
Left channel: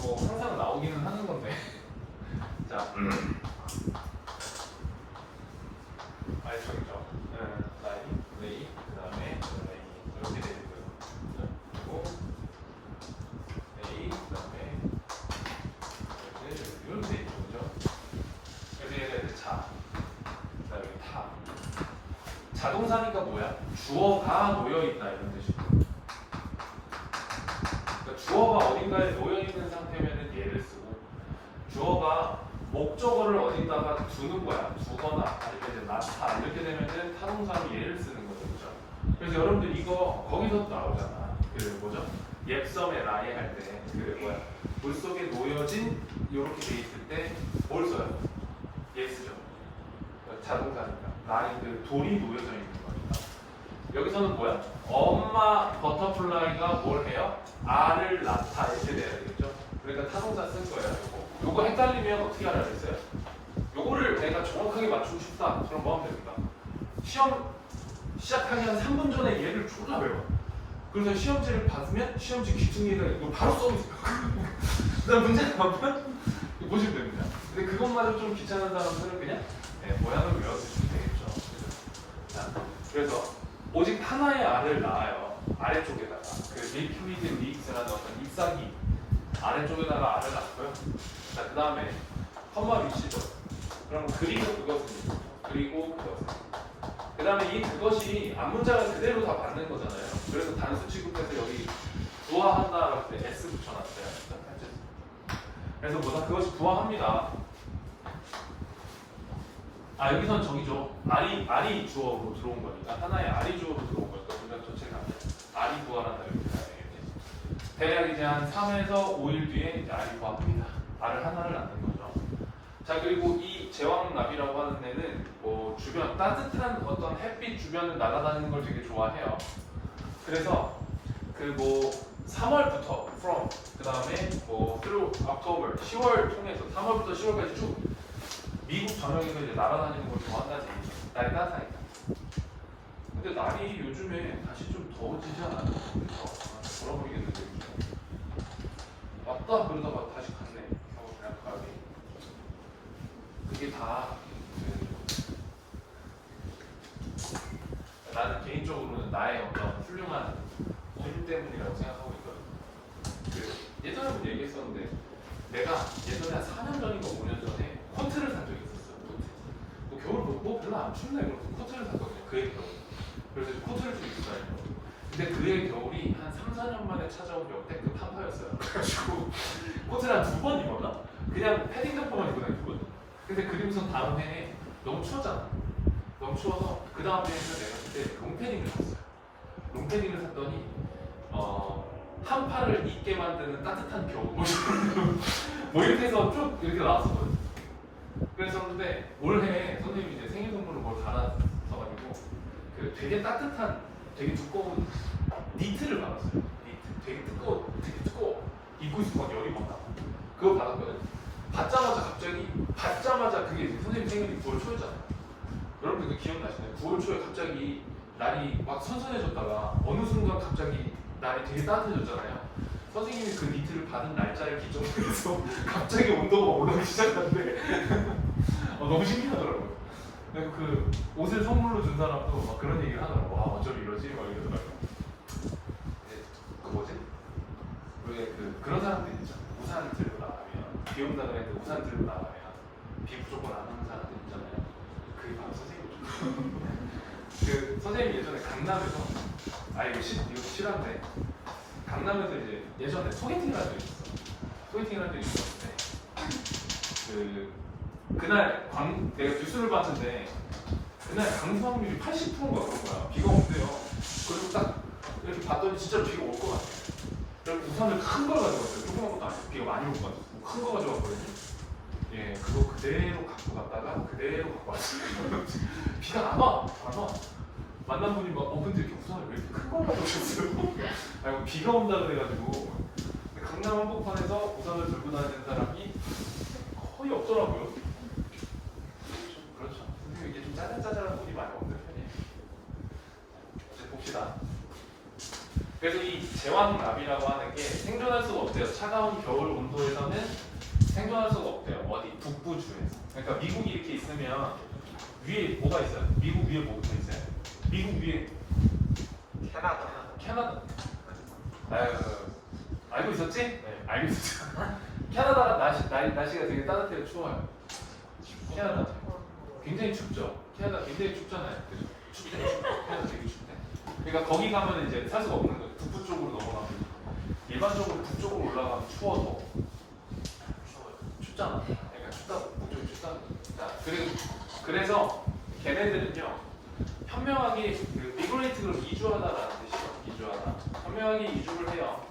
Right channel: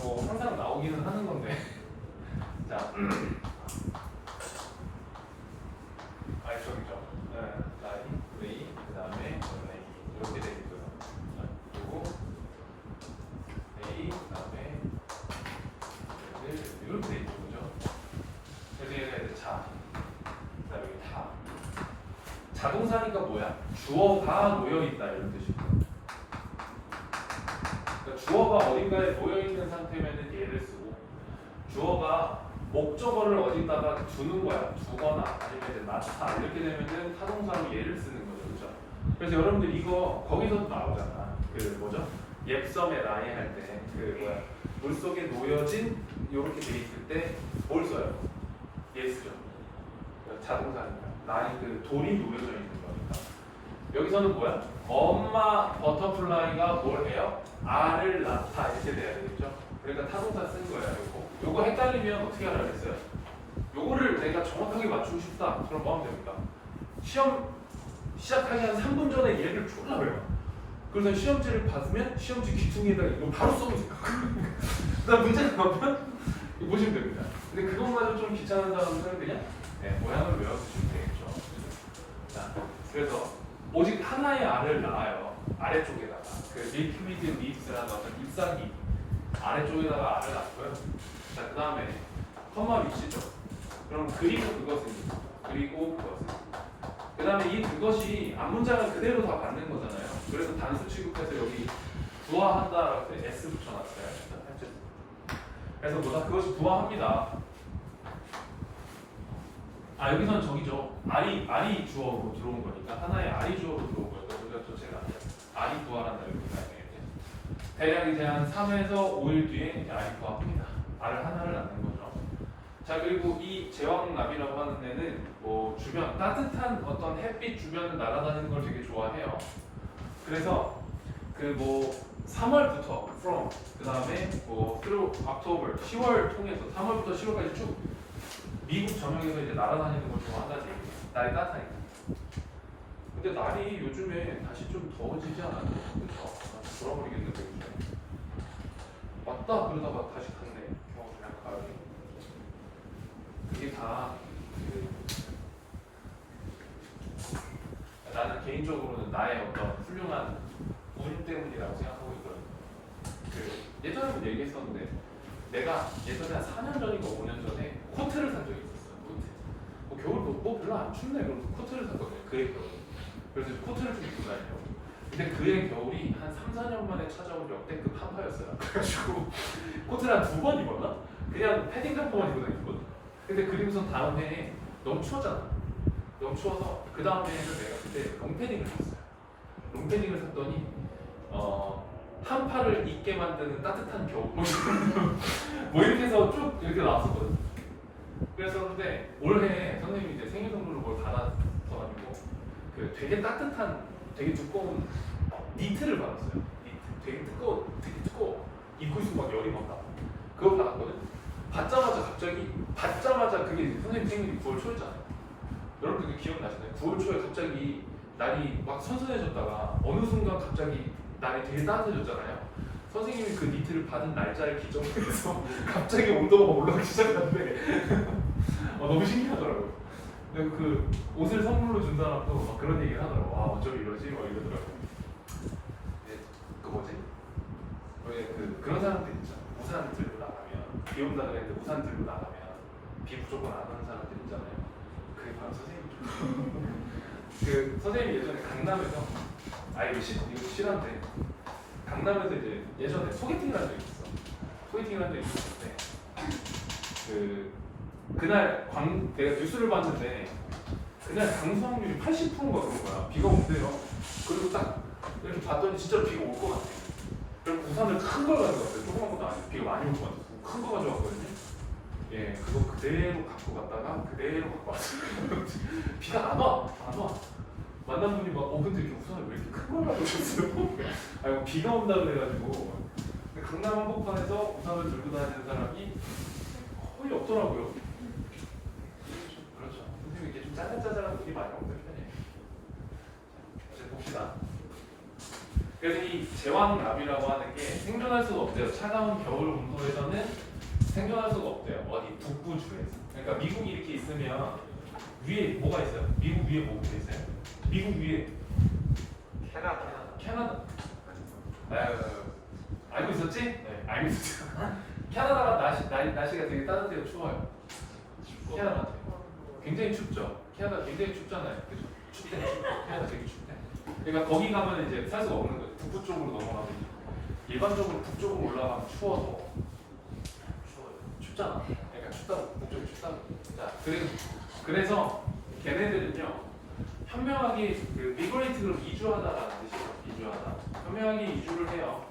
뭐 항상 나오기는 하는 건데 자 저기죠. 라인, 레이, 그 다음에 레이 이렇게 되고요. 그리고 레이, 그 다음에 이렇게 돼 있죠, 그죠? 그래서 얘들 자, 그 다음에 타. 자동사니까 뭐야? 주어가 놓여 있다 이런 뜻이고. 그러니까 주어가 어딘가에 놓여 있는 상태면은 얘를 쓰고, 주어가 목적어를 어딘가가 두는 거야. 두거나 아니면 이제 나타 이렇게 되면은 타동사로 얘를 쓰는 거죠, 그죠? 그래서 여러분들 이거 거기서도 나오잖아. 그 뭐죠? 옙섬에 라이 할 때 물 속에 놓여진 이렇게 돼 있을 때 뭘 써요? 얘 쓰죠. 자동사니까 라이 돌이 놓여져 있는 거니까. 여기서는 뭐야? 엄마 버터플라이가 뭘 해요? 알을 낳다 이렇게 돼야 되겠죠? 그러니까 타동사 쓴 거예요. 요거 헷갈리면 어떻게 알아야겠어요? 요거를 내가 정확하게 맞추고 싶다. 그럼 뭐 하면 됩니까? 시험 시작하기 한 3분 전에 얘를 졸라 배워. 그래서 시험지를 받으면 시험지 귀퉁이에다가 이거 바로 써놓으세요. 그다음 문제 나오면 이거 보시면 됩니다. 근데 그것마저 좀 귀찮은 사람들은 그냥 모양을 외워두시면 되겠죠. 자, 그래서 오직 하나의 알을 낳아요. 아래쪽에다가 그 밀크위드 립스라는 어떤 잎사귀 아래쪽에다가 알을 낳고요. 자, 그 다음에 컴마 위치죠. 그럼 그리고 그것입니다. 그리고 그것은. 그 다음에 이 그것이 앞문장을 그대로 다 받는 거잖아요. 그래서 단수 취급해서 여기 부화한다라고 할 때 S 붙여놨어요. 그래서 뭐다 그것이 부화합니다. 여기선 저기죠. 알이 주어로 들어온 거니까 하나의 알이 주어로 들어온 거니까 우리가 전체가 아니에요. 알이 부화한다 이렇게 해야 되겠네. 대략 이제 한 3에서 5일 뒤에 이제 알이 부화합니다. 알을 하나를 낳는 거죠. 자 그리고 이 제왕나비라고 하는 애는 뭐 주변 따뜻한 어떤 햇빛 주변을 날아다니는 걸 되게 좋아해요. 그래서 그 뭐 3월부터 from 그 다음에 뭐 through October 10월 통해서 3월부터 10월까지 쭉 미국 전역에서 이제 날아다니는 걸 좋아한다지. 날이 따뜻하니까. 근데 날이 요즘에 다시 좀 더워지지 않았나? 돌아버리겠는데 요즘. 왔다 그러다가 다시 갔네. 그냥 가을이. 이게 다 나는 개인적으로는 나의 어떤 훌륭한 운 때문이라고 생각하고 있거든. 예전에 한번 얘기했었는데 내가 예전에 한 4년 전인가 5년 전에 코트를 산 적이 있었어. 코트. 뭐 겨울 뭐 별로 안 춥네. 그럼 코트를 샀거든요. 그의 겨울. 그래서 코트를 좀 입고 다니려고. 근데 그의 겨울이 한 3, 4년 만에 찾아온 역대급 한파였어요. 그래가지고 코트를 한 2번 입었나? 그냥 패딩 잠바만 입고 다니거든. 근데 그러면서 다음 해에 너무 추웠잖아. 너무 추워서 그 다음 해에서 내가 그때 롱패딩을 샀어요. 롱패딩을 샀더니 한파를 잊게 만드는 따뜻한 겨울 뭐 이렇게 해서 쭉 이렇게 나왔었거든. 그랬었는데 올해 선생님이 이제 생일 선물로 뭘 받았어가지고 그 되게 따뜻한 되게 두꺼운 니트를 받았어요. 니트 되게 두꺼워 입고 있으면 막 열이 막 나. 그거 받았거든. 받자마자 그게 이제 선생님 생일이 9월 초였잖아요. 여러분 그게 기억나시나요? 9월 초에 갑자기 날이 막 선선해졌다가 어느 순간 갑자기 날이 되게 따뜻해졌잖아요. 선생님이 그 니트를 받은 날짜를 기점으로 해서 갑자기 온도가 올라가기 시작하는데 너무 신기하더라고요. 그리고 그 옷을 선물로 준 사람도 막 그런 얘기를 하더라고요. 와 어쩌면 이러지? 막 이러더라고요. 그 뭐지? 왜 그런 사람들 있잖아. 우산 들고 나가면 비 온다 그랬는데 우산 들고 나가면 비 무조건 안 오는 사람들 있잖아요. 그게 바로 선생님이죠. 그 선생님이 예전에 강남에서 이거 실화인데 강남에서 이제 예전에 소개팅을 한 적이 있어. 소개팅을 한 적이 있었는데 그날 내가 뉴스를 봤는데 그날 강수확률이 80%인가 그런 거야. 비가 온대요. 그리고 딱 이렇게 봤더니 진짜 비가 올 것 같아. 그래서 우산을 큰 걸 가져왔어요. 조그만 것도 아니고 비가 많이 올 것 같아서 큰 거 가져왔거든요. 예, 그거 그대로 갖고 갔다가 그대로 갖고 왔어요. 비가 안 와. 만난 분이 막 근데 이렇게 우산을 왜 이렇게 큰 걸 가져오셨어요? 비가 온다 그래가지고 강남 한복판에서 우산을 들고 다니는 사람이 거의 없더라고요. 그렇죠. 선생님 이게 좀 짜잘짜잘한 분이 많이 없는 편이에요. 이제 봅시다. 그래서 이 제왕나비라고 하는 게 생존할 수가 없대요. 차가운 겨울 온도에서는 생존할 수가 없대요. 어디? 북부주에서. 그러니까 미국이 이렇게 있으면 위에 뭐가 있어요? 미국 위에 뭐가 있어요? 미국 위에 캐나다. 알고 있었지? 네, 알고 있었죠. 캐나다가 날씨가 되게 따뜻해요, 추워요. 캐나다 굉장히 춥죠. 캐나다 굉장히 춥잖아요. 그죠? 춥대. 캐나다 되게 춥대. 그러니까 거기 가면 이제 살 수가 없는 거죠. 북부 쪽으로 넘어가면 일반적으로 북쪽으로 올라가면 추워서 춥잖아. 그러니까 춥다고 북쪽이 춥다고. 자, 그래서 걔네들은요 현명하게 미그레이트 그룹 이주하다라는 뜻이에요. 이주하다. 현명하게 이주를 해요.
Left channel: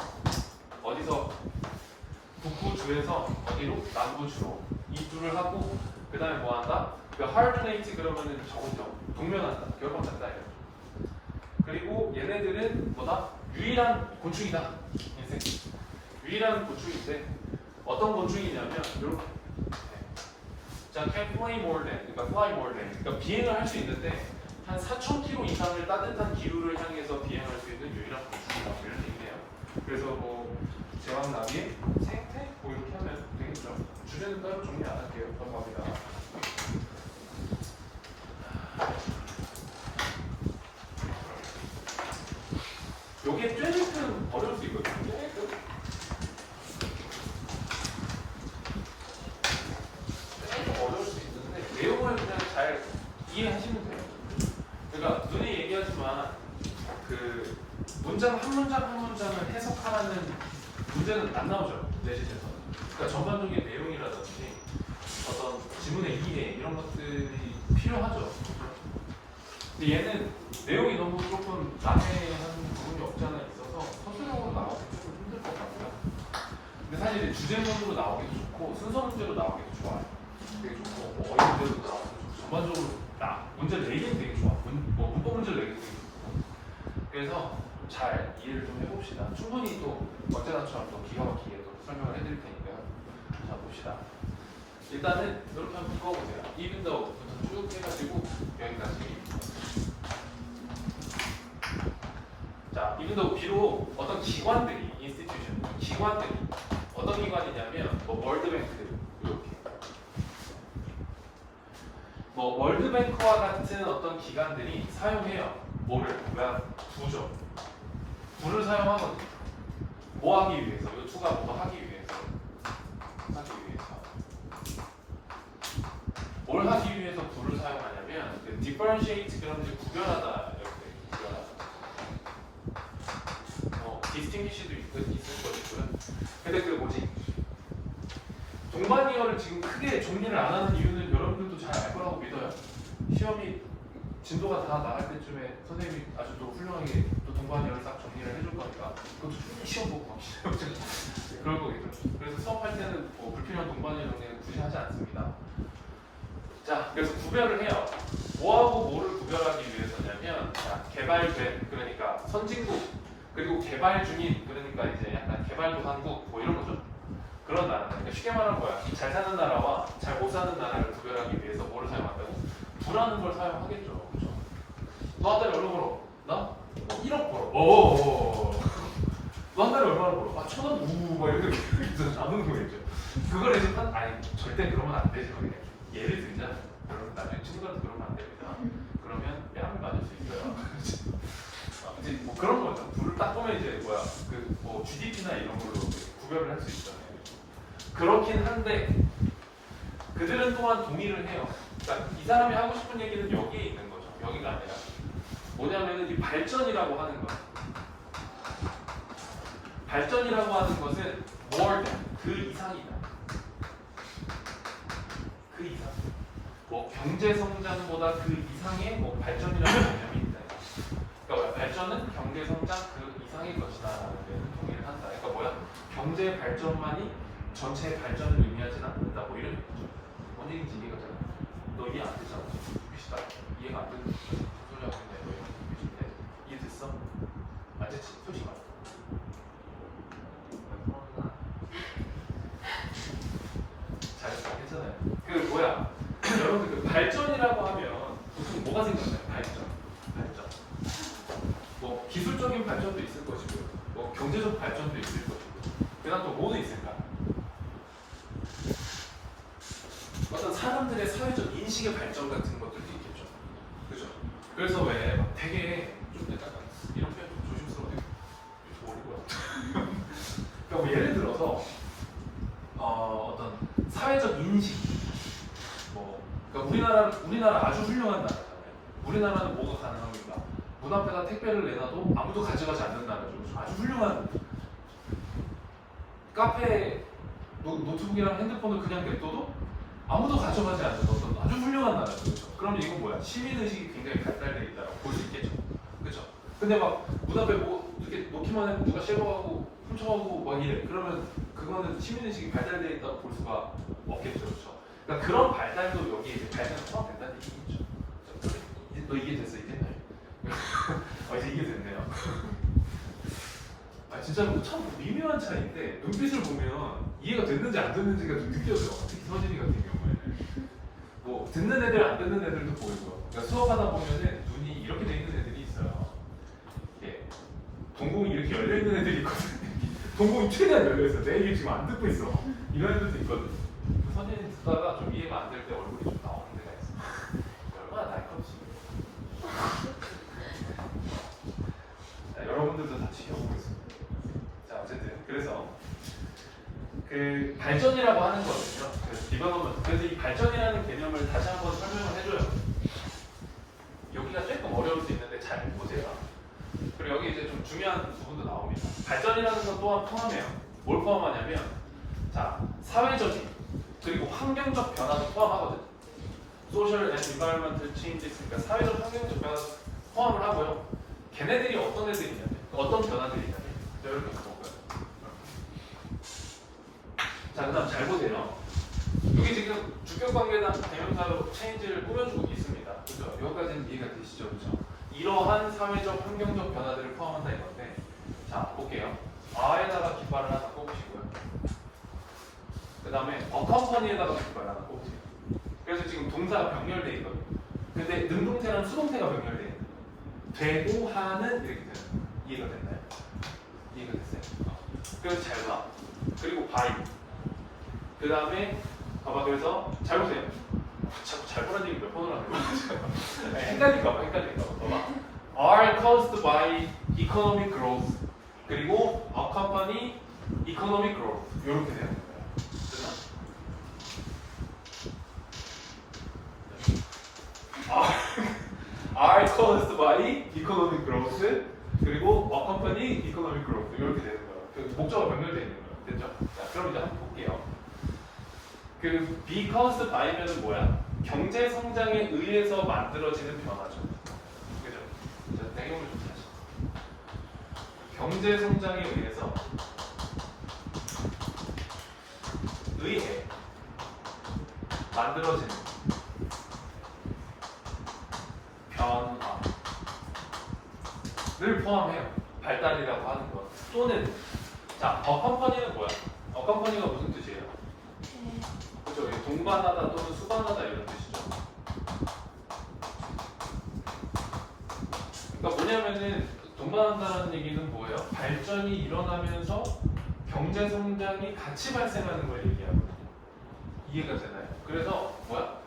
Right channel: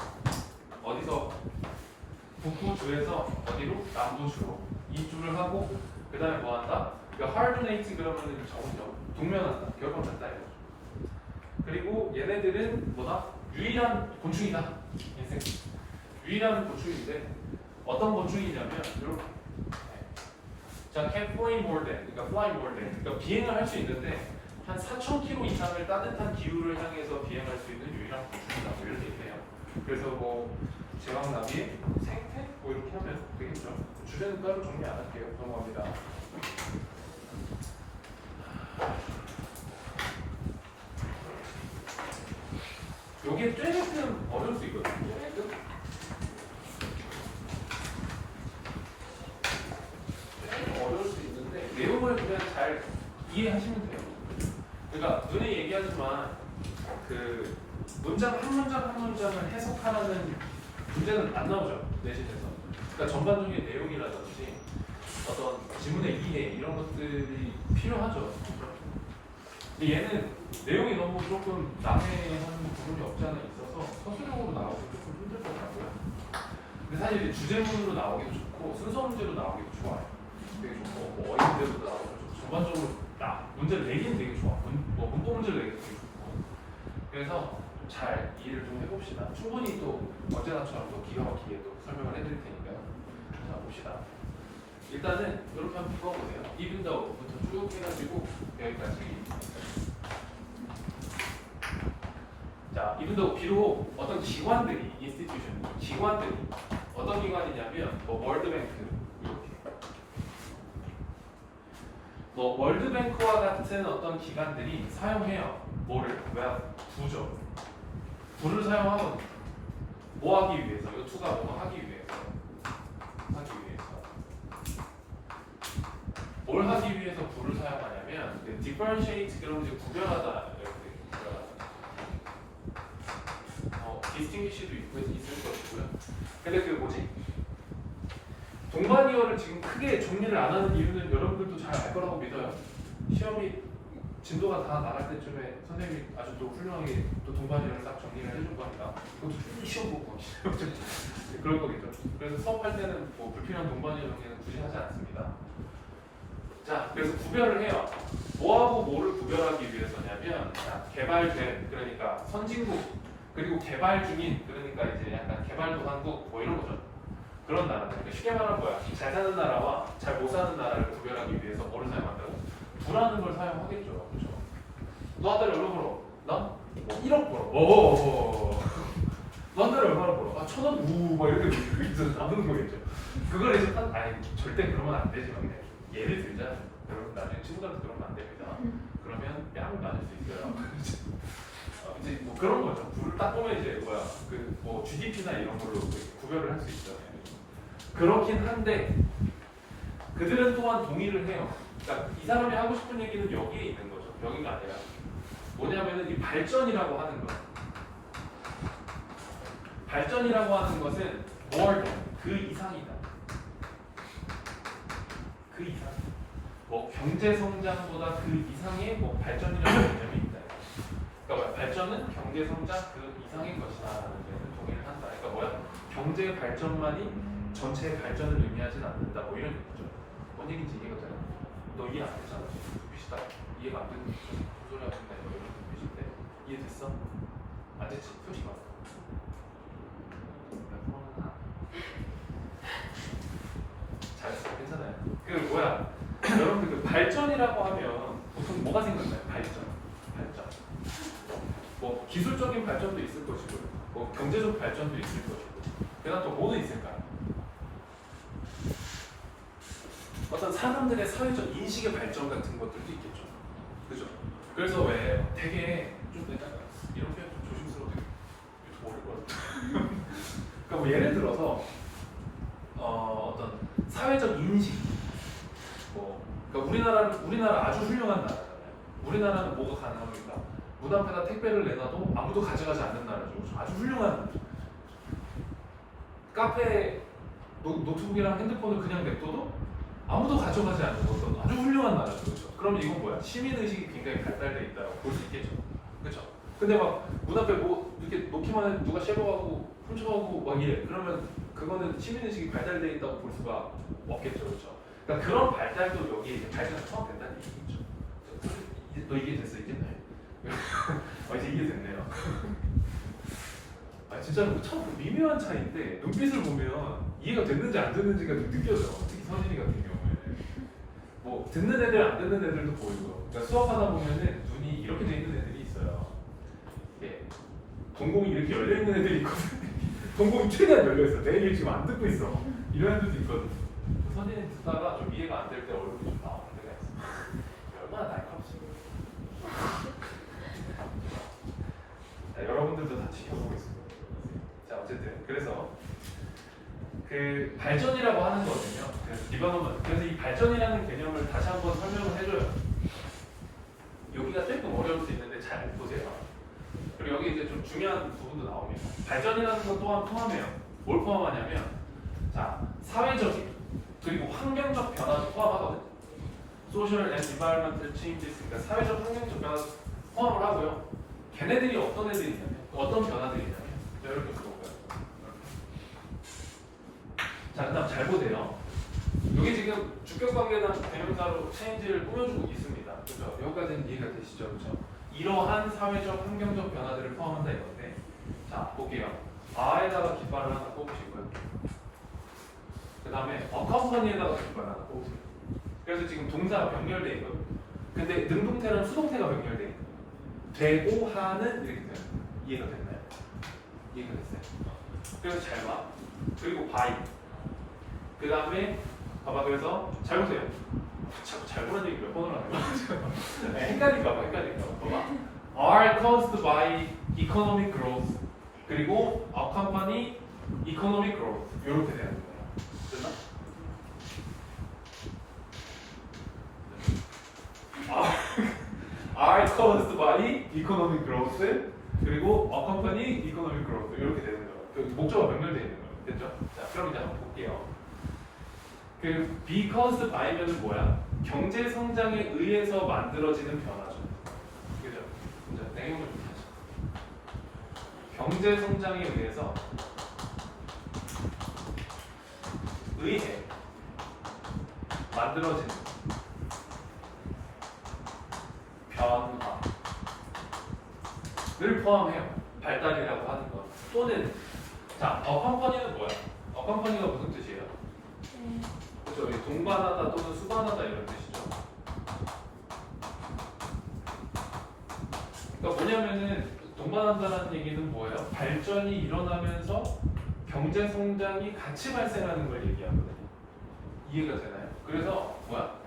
어디서? 북부주에서 어디로? 남부주로 이주를 하고 그 다음에 뭐 한다? 그 하르드네이트 그러면은 적응적 동면한다. 결합한다 이거. 그리고 얘네들은 뭐다? 유일한 곤충이다. 인생 유일한 곤충인데 어떤 곤충이냐면 이렇게. 자, can fly more than, 그러니까 fly more than, 그러니까 비행을 할 수 있는데 한 4,000km 이상을 따뜻한 기후를 향해서 비행할 수 있는 유일한 곤충이다. 뭐 이런 얘기네요. 그래서 뭐 제왕나비의 생태 뭐 이렇게 하면 되겠죠. 주제는 따로 정리 안 할게요. 넘어갑니다. 여기에 쬐개는 어려울 수 있거든요. 쬐개 어려울 수 있는데 내용을 그냥 잘 이해하시면 돼요. 그러니까 눈에 얘기하지만 그 문장 한 문장을 해석하라는 문제는 안 나오죠. 내신에서. 그러니까 전반적인 내용이라든지 어떤 지문의 이해 이런 것들이 필요하죠. 근데 얘는 내용이 너무 조금 난해한 부분이 없지 않아 있어서 서술형으로 나와서 조금 힘들 것 같고요. 근데 사실 이제 주제문으로 나오기도 좋고 순서 문제로 나오기도 좋아요. 되게 좋고 뭐 어휘 문제도 나오고 전반적으로 문제를 내기는 되게 좋아. 문법 문제를 내기도 되게 좋고. 그래서 잘 이해를 좀 해봅시다. 충분히 또 언제나처럼 또 기가 막히게 또 설명을 해드릴 테니까요. 자 봅시다. 일단은 이렇게 한번 묶어보세요. even though부터 쭉 해가지고 여기까지. 자, even though 비록 어떤 기관들이 institution, 기관들이 어떤 기관이냐면 뭐 월드뱅크 이렇게 뭐 월드뱅크와 같은 어떤 기관들이 사용해요. 뭐를? 부죠. 부를 사용하거든요. 뭐 하기 위해서? 이 투가 뭐 하기 위해서? 뭘 하기 위해서 부를 사용하냐면 그 differentiate 그러면 이제 구별하다 이렇게 구별하다. distinguish도 있을 것이고요. 근데 그 뭐지? 동반이어를 지금 크게 정리를 안 하는 이유는 여러분들도 잘 알 거라고 믿어요. 시험이 진도가 다 나갈 때쯤에 선생님이 아주 또 훌륭하게 또 동반이어를 싹 정리를 해줄 거니까 그것도 시험 보고 그런 거겠죠. 그래서 수업할 때는 뭐 불필요한 동반이어 정리는 굳이 하지 않습니다. 자, 그래서 구별을 해요. 뭐하고 뭐를 구별하기 위해서냐면 자, 개발된 그러니까 선진국 그리고 개발 중인 그러니까 이제 약간 개발도상국 뭐 이런 거죠. 그런 나라. 그러니까 쉽게 말하면 뭐야? 잘 사는 나라와 잘 못 사는 나라를 구별하기 위해서 뭐를 사용한다고? 부라는 걸 사용하겠죠. 그렇죠? 너 한 달에 얼마 벌어? 나? 1억 벌어. 너 한 달에 얼마나 벌어? 아, 1,000원? 막 이렇게 나누는 거겠죠. 그걸 이제 아니 절대 그러면 안 되지만 그냥 예를 들자. 여러분 나중에 친구들한테 그러면 안 됩니다. 그러면 뺨을 맞을 수 있어요. 이제 뭐 그런 거죠. 불을 딱 보면 이제 뭐야 그 뭐 GDP나 이런 걸로 구별을 할 수 있잖아요. 그렇긴 한데 그들은 또한 동의를 해요. 그러니까 이 사람이 하고 싶은 얘기는 여기에 있는 거죠. 여기가 아니라 뭐냐면은 이 발전이라고 하는 거. 발전이라고 하는 것은 more than 그 이상이다. 그 이상. 뭐 경제 성장보다 그 이상의 뭐 발전이라는 개념이 있다. 그러니까 발전은 경제 성장 그 이상의 것이다라는 데는 동의를 한다. 그러니까 뭐야? 경제 발전만이 전체의 발전을 의미하진 않는다. 뭐 이런 얘기죠. 뭔 얘기인지 이해가 되나? 너 이해 안 되잖아. 눈빛이다. 이해가 안 되는 거죠. 소리 하고 있는데 눈빛인데 이해됐어? 안 됐지? 솔직히 말해. 잘했어. 괜찮아요. 그 뭐야? 여러분들 그 발전이라고 하면 보통 뭐가 생각나요? 발전. 뭐 기술적인 발전도 있을 것이고, 뭐 경제적 발전도 있을 것이고, 그다음 또 뭐도 있을까? 어떤 사람들의 사회적 인식의 발전 같은 것들도 있겠죠. 그죠? 그래서 왜 되게 좀 약간 이런 표현 좀 조심스럽게 모를 것 같아요. 그러니까 뭐 예를 들어서 어떤 사회적 인식, 뭐 그러니까 우리나라 아주 훌륭한 나라잖아요. 우리나라는 뭐가 가능합니까? 문 앞에다 택배를 내놔도 아무도 가져가지 않는 나라죠. 아주 훌륭한 카페 노트북이랑 핸드폰을 그냥 냅둬도 아무도 가져가지 않는 어떤 아주 훌륭한 나라죠. 그렇죠? 그럼 이건 뭐야? 시민의식이 굉장히 발달되어 있다고 볼 수 있겠죠. 그렇죠? 근데 막 문 앞에 뭐 이렇게 놓기만 해도 누가 쉐고하고 훔쳐가고 막 이래. 그러면 그거는 시민의식이 발달되어 있다고 볼 수가 없겠죠. 그렇죠? 그러니까 그런 발달도 여기 이제 발달에 포함된다는 얘기겠죠. 이제 너 이해됐어 이제? 이제 이해됐네요. 진짜로 참 미묘한 차이인데 눈빛을 보면 이해가 됐는지 안 됐는지가 좀 느껴져요. 특히 서진이 같은 경우에 뭐 듣는 애들 안 듣는 애들도 보이고 그러니까 수업하다 보면은 눈이 이렇게 돼 있는 애들이 있어요. 예. 동공이 이렇게 열려 있는 애들이 있거든요. 동공이 최대한 열려 있어. 내 얘기 지금 안 듣고 있어. 이런 애들도 있거든. 서진이 듣다가 좀 이해가 안 될 때 얼굴이 좀 나오는 데가 있어. 얼마나 날카롭지. 여러분들도 다 지켜보겠습니다. 자, 어쨌든 그래서 그 발전이라고 하는 거거든요. 그래서 디벨롭먼트. 그래서 이 발전이라는 개념을 다시 한번 설명을 해줘요. 여기가 조금 어려울 수 있는데 잘 보세요. 그리고 여기 이제 좀 중요한 부분도 나옵니다. 발전이라는 것 또한 포함해요. 뭘 포함하냐면, 자, 사회적인 그리고 환경적 변화도 포함하거든. Social and Environmental Changes, 그러니까 사회적 환경적 변화도 포함을 하고요. 걔네들이 어떤 애들이냐면, 어떤 변화들이냐면, 이렇게 볼까요? 자, 그다음 잘 보세요. 여기 지금 주격관계단 대명사로 체인지를 꾸며주고 있습니다. 그죠? 여기까지는 이해가 되시죠? 그렇죠? 이러한 사회적 환경적 변화들을 포함한다 이건데, 자 볼게요. 아에다가 깃발을 하나 꼽으시고요. 그 그 다음에 accompany에다가 그걸 하나 꼽으세요. 그래서 지금 동사가 병렬돼 있거든. 근데 능동태랑 수동태가 병렬돼 있는 거예요. 되고 하는 이렇게 되는 거예요. 이해가 됐나요? 이해가 됐어요? 그래서 잘 봐. 그리고 by. 그 다음에 봐봐. 그래서 잘 보세요. 자꾸 잘 보는 얘기 몇 번을 하는 거야. 헷갈릴까 봐. 봐봐. are caused by economic growth. 그리고 accompany economic growth. 이렇게 되는 거예요. 됐나? are caused by economic growth. 그리고 accompany economic growth. 이렇게 되는 거예요. 그 목적어 병렬되어 있는 거예요. 됐죠? 자, 그럼 이제 한번 볼게요. 그 be caused by는 뭐야? 경제 성장에 의해서 만들어지는 변화죠. 그죠? 내용을 좀 다시. 경제 성장에 의해서 만들어지는 변화를 포함해요. 발달이라고 하는 거. 또는 자, accompany는 뭐야? accompany가 무슨 뜻이에요? 그죠? 동반하다 또는 수반하다 이런 뜻이죠. 그러니까 뭐냐면은 동반한다는 얘기는 뭐예요? 발전이 일어나면서 경제 성장이 같이 발생하는 걸 얘기하거든요. 이해가 되나요? 그래서 뭐야?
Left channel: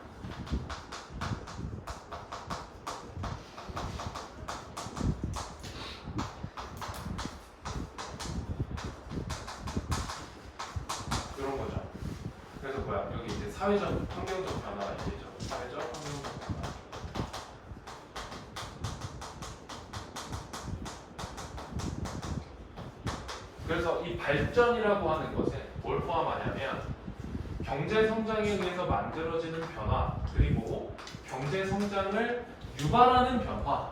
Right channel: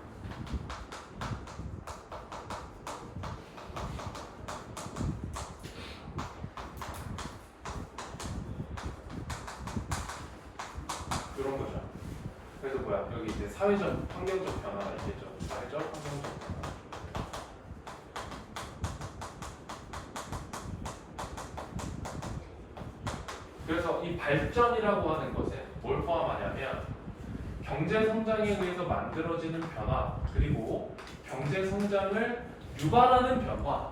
이런 거죠. 그래서 뭐야? 여기 이제 사회적 환경적 변화가 있겠죠. 사회적 환경적 변화. 그래서 이 발전이라고 하는 것에 뭘 포함하냐면 경제 성장에 의해서 만들어지는 변화, 그리고 경제 성장을 유발하는 변화,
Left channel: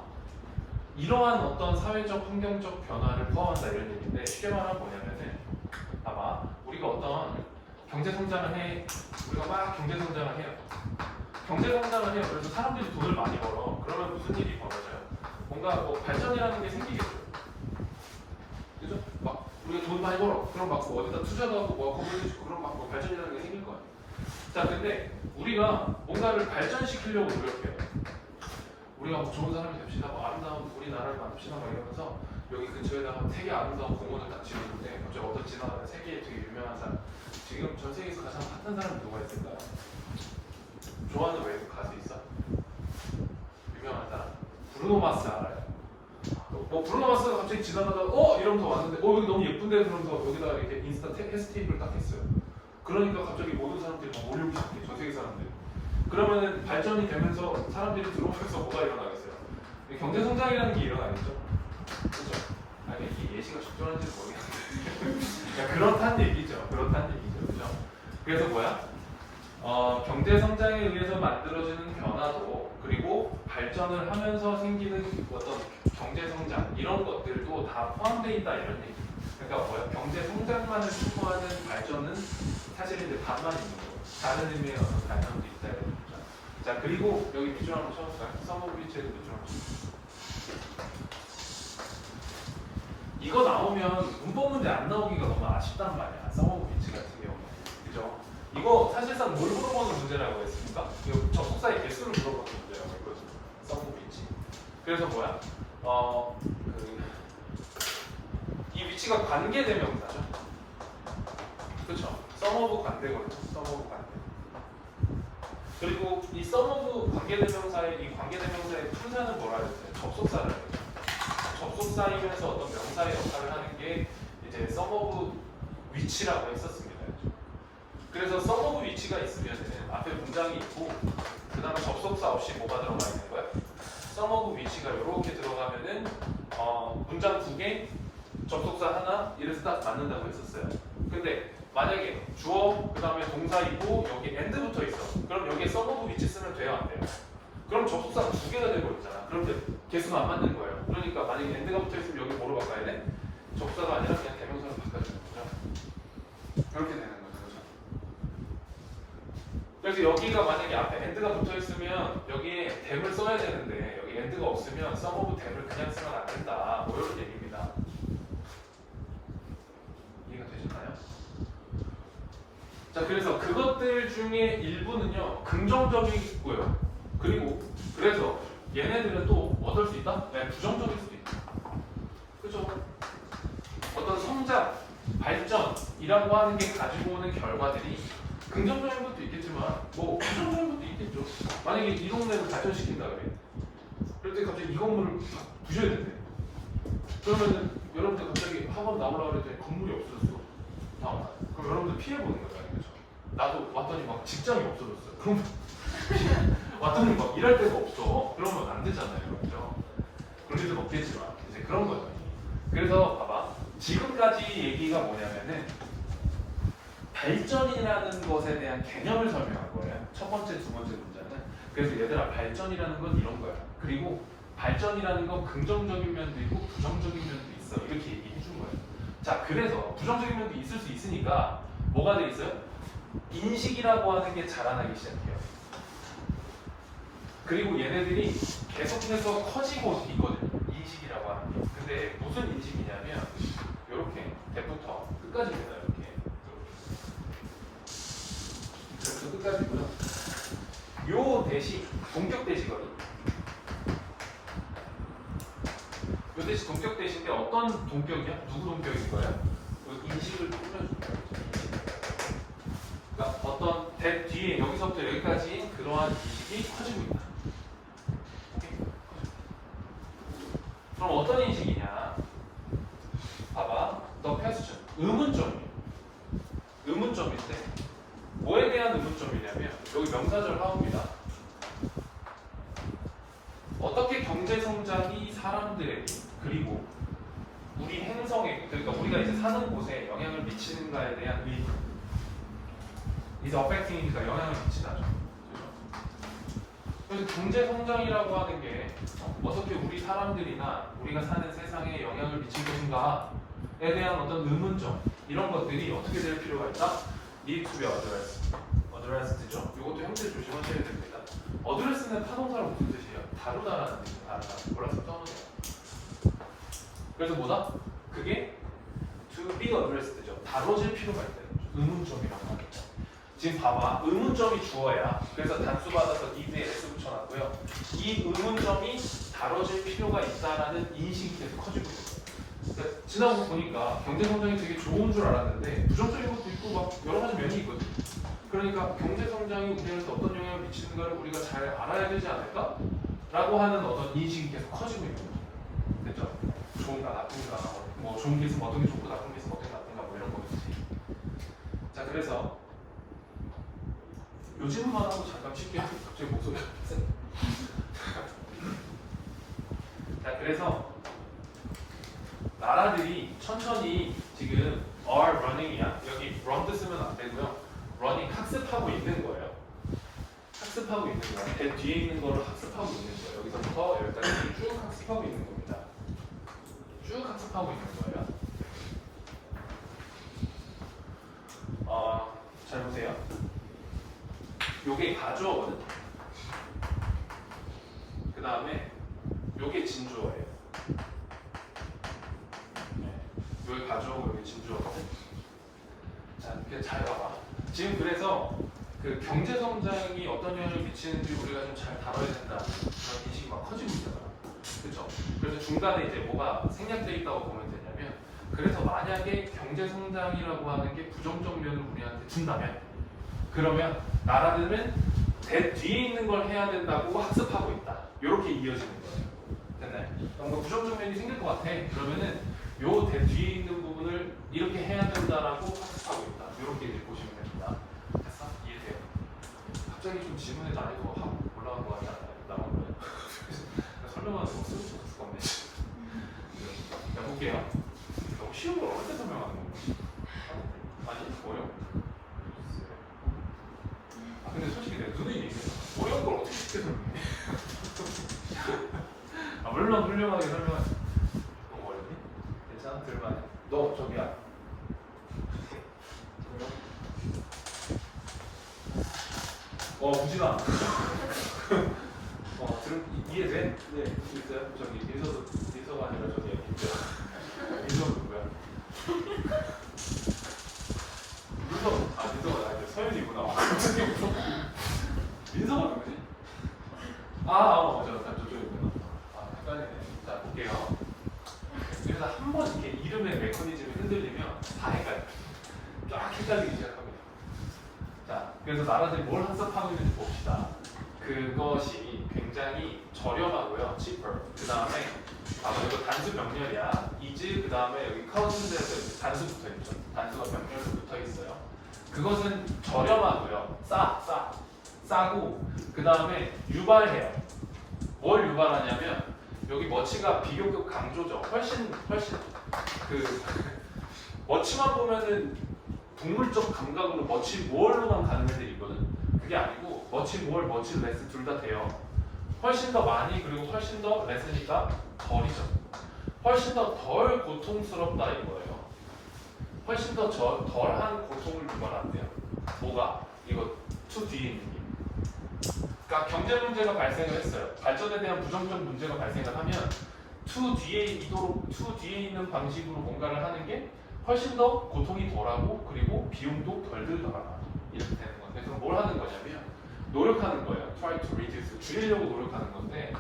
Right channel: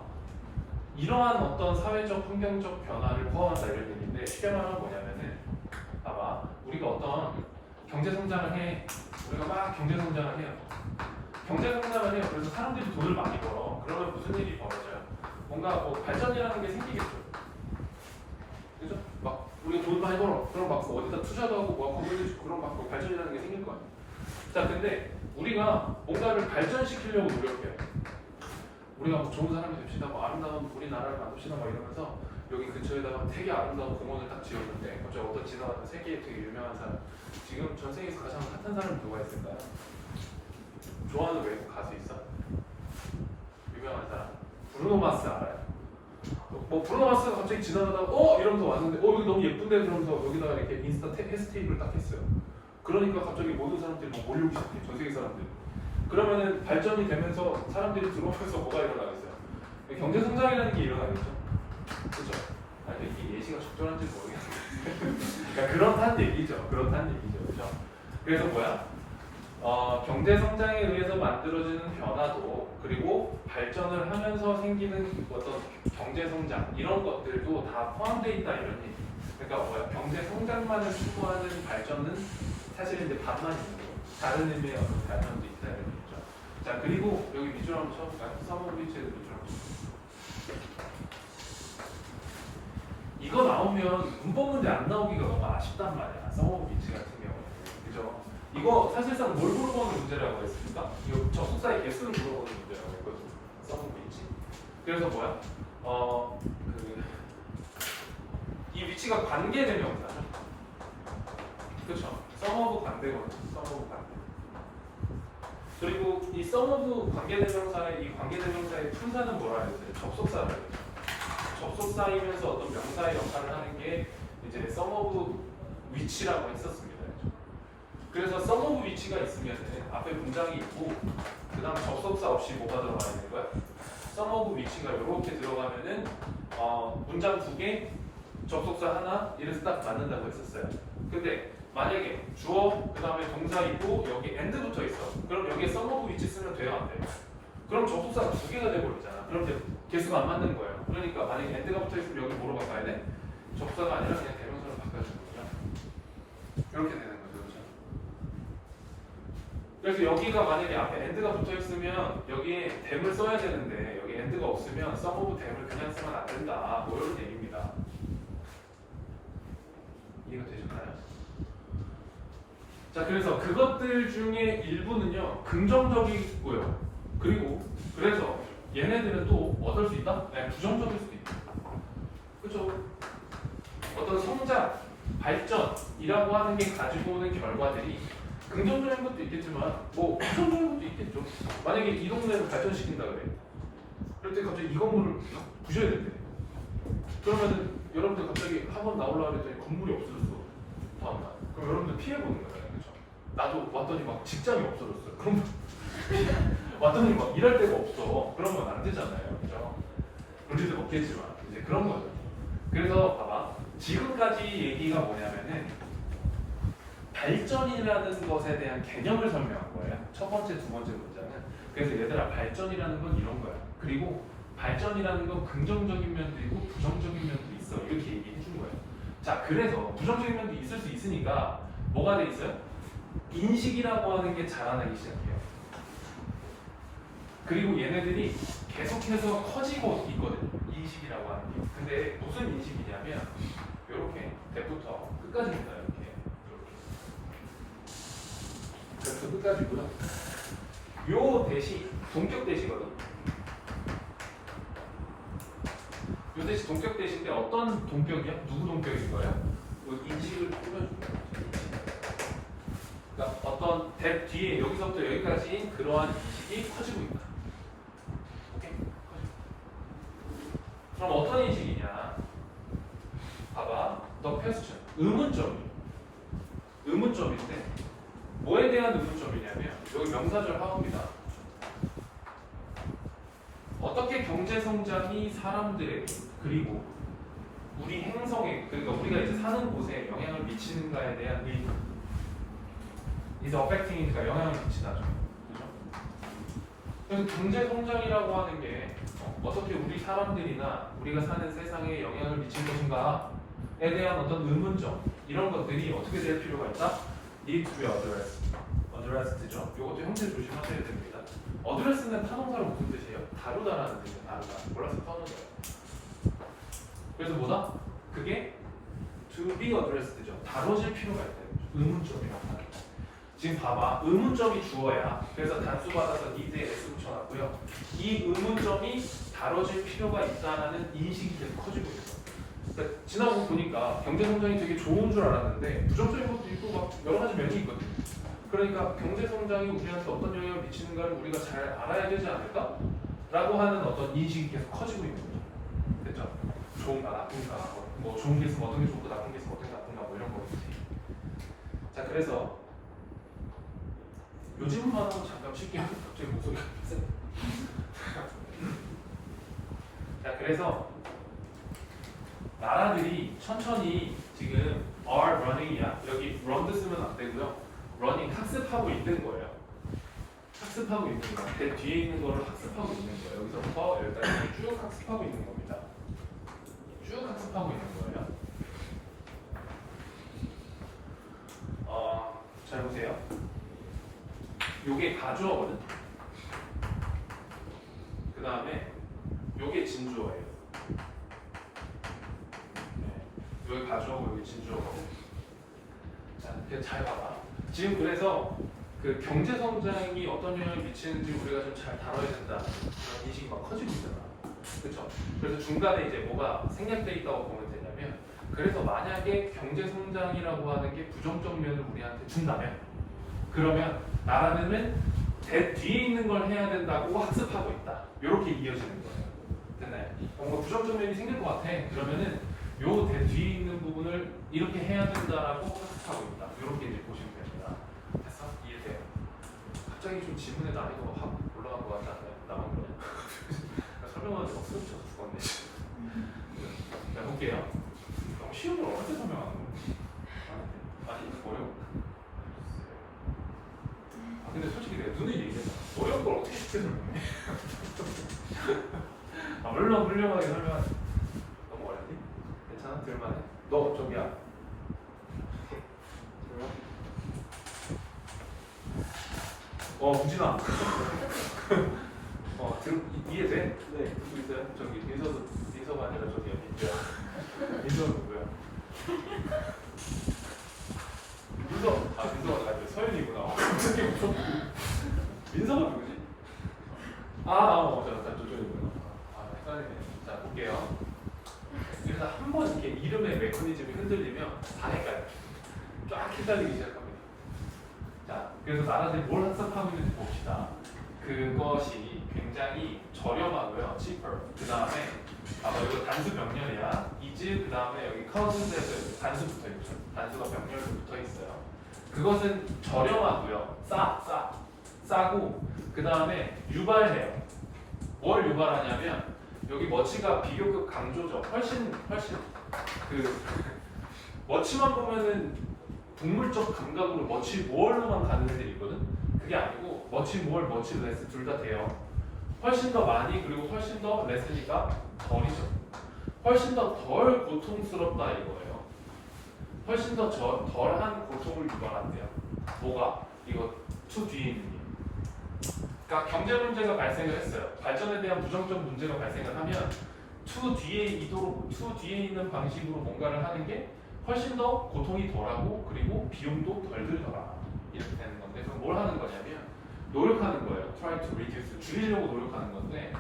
이러한 어떤 사회적 환경적 변화를 포함한다 이런 얘기인데, 쉽게 말하면 뭐냐면은 봐봐, 우리가 어떤 경제 성장을 해, 우리가 막 경제 성장을 해요. 경제 성장을 해요. 그래서 사람들이 돈을 많이 벌어. 그러면 무슨 일이 벌어져요? 뭔가 뭐 발전이라는 게 생기겠죠. 그죠? 막 우리가 돈 많이 벌어. 그럼 막 어디다 투자도 하고 뭐 건물도 짓고 그럼 막 발전이라는 게 생길 거 아니야. 자, 근데 우리가 뭔가를 발전시키려고 노력해. 우리가 뭐 좋은 사람이 됩시다. 뭐 아름다운 우리나라를 만듭시다. 막 이러면서 여기 근처에다가 되게 아름다운 공원을 딱 지었는데 갑자기 어떤 지나가는 세계에 되게 유명한 사람, 지금 전 세계에서 가장 핫한 사람이 누가 있을까요? 좋아하는 외국 가수 있어? 유명한 사람? 브루노 마스 알아요? 뭐 브루노 마스가 갑자기 지나가다가 이러면서 왔는데 여기 너무 예쁜데 그러면서 여기다가 이렇게 인스타 해시태그를 딱 했어요. 그러니까 갑자기 모든 사람들이 막 몰려오기 시작해. 전 세계 사람들이. 그러면은 발전이 되면서 사람들이 들어오면서 뭐가 일어나겠어요? 경제 성장이라는 게 일어나겠죠. 그죠? 이게 예시가 적절한지 모르겠는데 그러니까 그렇다는 얘기죠. 그죠? 그래서 뭐야? 경제 성장에 의해서 만들어지는 변화도, 그리고 발전을 하면서 생기는 어떤 경제 성장, 이런 것들도 다 포함되어 있다 이런 얘기. 그러니까 뭐야? 경제 성장만을 추구하는 발전은 사실은 이제 반만 있는 거예요. 다른 의미의 어떤 발전도 있다 이런 얘기죠. 자, 그리고 여기 밑줄 한번 쳐볼까요? 서브비치의 밑줄 한번 쳐볼까요? 이거 나오면 문법 문제 안 나오기가 너무 아쉽단 말이야. 서브비치 같은 경우에. 그죠? 이거 사실상 뭘 물어보는 문제라고 했습니까? 이거 접속사의 개수를 물어보는 문제라고 했거든요. 서브비치. 그래서 뭐야? 이 위치가 관계대명사죠. 그렇죠? 서머브 관대거든요. 서머브 관대. 그리고 이 서머브 관계대명사의 이 관계대명사의 품사는 뭐라 했어요? 접속사를 했죠. 접속사이면서 어떤 명사의 역할을 하는 게 이제 서머브 위치라고 했었습니다. 그래서 서머브 위치가 있으면 앞에 문장이 있고 그 다음에 접속사 없이 뭐가 들어가 있는 거야? 서머브 위치가 이렇게 들어가면은 문장 두 개, 접속사 하나, 이래서 딱 맞는다고 했었어요. 근데 만약에 주어, 그 다음에 동사 있고 여기 and 붙어 있어. 그럼 여기에 서머브 위치 쓰면 돼요, 안 돼요? 그럼 접속사가 두 개가 되버렸잖아. 그럼 이제 개수가 안 맞는 거예요. 그러니까 만약에 and가 붙어 있으면 여기 뭐로 바꿔야 돼? 접사가 아니라 그냥 대명사로 바꿔주는 거죠. 이렇게 되는 거죠. 그렇죠? 그래서 여기가 만약에 앞에 and가 붙어 있으면 여기에 them을 써야 되는데 여기 and가 없으면 some of them을 그냥 쓰면 안 된다. 뭐 이런 얘기입니다. 이해가 되셨나요? 자, 그래서 그것들 중에 일부는요 긍정적이고요. 그리고 그래서 얘네들은 또 어떨 수 있다? 네, 부정적일 수도 있다. 그죠? 어떤 성장, 발전이라고 하는 게 가지고 오는 결과들이 긍정적인 것도 있겠지만 뭐 부정적인 것도 있겠죠. 만약에 이 동네를 발전시킨다 그래. 그럴 때 갑자기 이 건물을 부셔야 된대. 그러면 여러분들 갑자기 학원 나오려고 했더니 건물이 없어졌어. 다음날. 그럼 여러분들 피해보는 거잖아요. 그렇죠? 나도 왔더니 막 직장이 없어졌어요. 그러면 왔더니 막 일할 데가 없어. 그러면 안 되잖아요. 그죠? 그럴 수는 없겠지만 이제 그런 거죠. 그래서 봐봐. 지금까지 얘기가 뭐냐면은 발전이라는 것에 대한 개념을 설명한 거예요. 첫 번째, 두 번째 문장은. 그래서 얘들아 발전이라는 건 이런 거야. 그리고 발전이라는 건 긍정적인 면도 있고 부정적인 면도 있어. 이렇게 얘기해 준 거예요. 자, 그래서 부정적인 면도 있을 수 있으니까 뭐가 돼 있어요? 인식이라고 하는 게 자라나기 시작해요. 그리고 얘네들이 계속해서 커지고 있거든요. 인식이라고 하는 게. 근데 무슨 인식이냐면 이렇게 대부터 끝까지입니다. 이렇게. 그래서 끝까지고요. 요 대시 동격 대시거든요. 요 대시 동격 대시인데 어떤 동격이야? 누구 동격인 거예요? 요 인식을 꾸며줄까요? 그러니까 어떤 대 뒤에 여기서부터 여기까지 그러한 인식이 커지고 있다. 오케이? 그럼 어떤 인식이냐? 봐봐, the question. 의문점이에요. 의문점인데 뭐에 대한 의문점이냐면 여기 명사절 하우입니다. 어떻게 경제 성장이 사람들에게 그리고 우리 행성에 그러니까 우리가 이제 사는 곳에 영향을 미치는가에 대한 의문. is affecting이니까 영향을 미치다. 그죠? 그래서 경제 성장이라고 하는 게 어떻게 우리 사람들이나 우리가 사는 세상에 영향을 미칠 것인가에 대한 어떤 의문점 이런 것들이 어떻게 될 필요가 있다? need to be addressed죠. 이것도 형태 조심하셔야 됩니다. address는 타동사로 무슨 뜻이에요? 다루다라는 뜻이에요. 다루다. 몰라서 써놓으세요. 그래서 뭐다? 그게 to be addressed죠. 다뤄질 필요가 있다. 의문점이라고 하는 거. 지금 봐봐. 의문점이 주어야. 그래서 단수 받아서 need에 s 붙여놨고요. 이 의문점이 다뤄질 필요가 있다라는 인식이 계속 커지고 있어요. 그러니까 지나고 보니까 경제 성장이 되게 좋은 줄 알았는데 부정적인 것도 있고 막 여러 가지 면이 있거든. 그러니까 경제 성장이 우리한테 어떤 영향을 미치는가를 우리가 잘 알아야 되지 않을까? 라고 하는 어떤 인식이 계속 커지고 있는 거죠. 됐죠? 좋은가 나쁜가 뭐 좋은 게 있으면 어떤 게 좋고 나쁜 게 있으면 어떤 게 나쁜가 뭐 이런 거겠지. 자, 그래서 요즘만 하고 잠깐 쉴게요. 갑자기 목소리가 세. 자, 그래서 나라들이 천천히 지금 are running이야. 여기 run도 쓰면 안 되고요. running 학습하고 있는 거예요. 학습하고 있는 거예요. 대 뒤에 있는 거를 학습하고 있는 거예요. 여기서부터 여기까지 쭉 학습하고 있는 겁니다. 쭉 학습하고 있는 거예요. 잘 보세요. 요게 가주어거든. 그 다음에 요게 진주어예요. 여기 가져오고 여기 진주어거든. 자, 그냥 잘 봐봐. 지금 그래서 그 경제 성장이 어떤 영향을 미치는지 우리가 좀 잘 다뤄야 된다. 그런 인식이 막 커지고 있잖아. 그렇죠? 그래서 중간에 이제 뭐가 생략돼 있다고 보면 되냐면, 그래서 만약에 경제 성장이라고 하는 게 부정적 면을 우리한테 준다면, 그러면 나라들은 대 뒤에 있는 걸 해야 된다고 학습하고 있다. 이렇게 이어지는 거예요. 됐나요? 뭔가 부정적 면이 생길 것 같아. 그러면은 요 대 뒤에 있는 부분을 이렇게 해야 된다라고 학습하고 있다. 이렇게 이제 보시면 됩니다. 됐어? 이해돼요? 갑자기 좀 질문에도 안 해도 확 올라간 것 같지 않나요? 나만 그래요? 설명하는데 막 쓰러져서 죽었네. 자, 볼게요. 너무 쉬운 걸 어떻게 설명하는 거? 아니, 어려운 거. 아, 근데 솔직히 내가 눈에 얘기했어. 어려운 걸 어떻게 쉽게 설명해? 아, 물론 훌륭하게 설명해. 너무 어렵니? 괜찮아? 들만해? 너 저기야. 우진아. 이해돼? 네. 듣고 있어요? 저기 민서가 아니라 저기 민서야. 민서는 누구야? 민서가 나에게 갑자기 웃어? 민서가 누구지? 저쪽이구나. 헷갈리네. 자, 볼게요. 그래서 한 번 이렇게 이름의 메커니즘이 흔들리면 다 헷갈려. 쫙 헷갈리기 시작합니다. 자, 그래서 나라들이 뭘 학습하고 있는지 봅시다. 그것이 굉장히 저렴하고요, cheaper. 그 다음에 이거 단수 병렬이야. is 그 다음에 여기 cause에서 단수 붙어 있죠. 단수가 병렬로 붙어 있어요. 그것은 저렴하고요, 싸고 그 다음에 유발해요. 뭘 유발하냐면 여기 머치가 비교급 강조죠. 훨씬 그 머치만 보면은 동물적 감각으로 머치 모어로만 가는 애들이 있거든. 그게 아니고 머치 모어, 머치 레스 둘 다 돼요. 훨씬 더 많이 그리고 훨씬 더 레스니까 덜이죠. 훨씬 더 덜 고통스럽다 이거예요. 훨씬 더 덜한 고통을 유발한대요. 뭐가? 이거 투 뒤에 있는 게. 그러니까 경제 문제가 발생을 했어요. 발전에 대한 부정적 문제가 발생을 하면 투 뒤에 있는 방식으로 뭔가를 하는 게 훨씬 더 고통이 덜하고 그리고 비용도 덜 들더라. 이렇게 되는 건데 그럼 뭘 하는 거냐면 노력하는 거예요. Try to reduce 줄이려고 노력하는 건데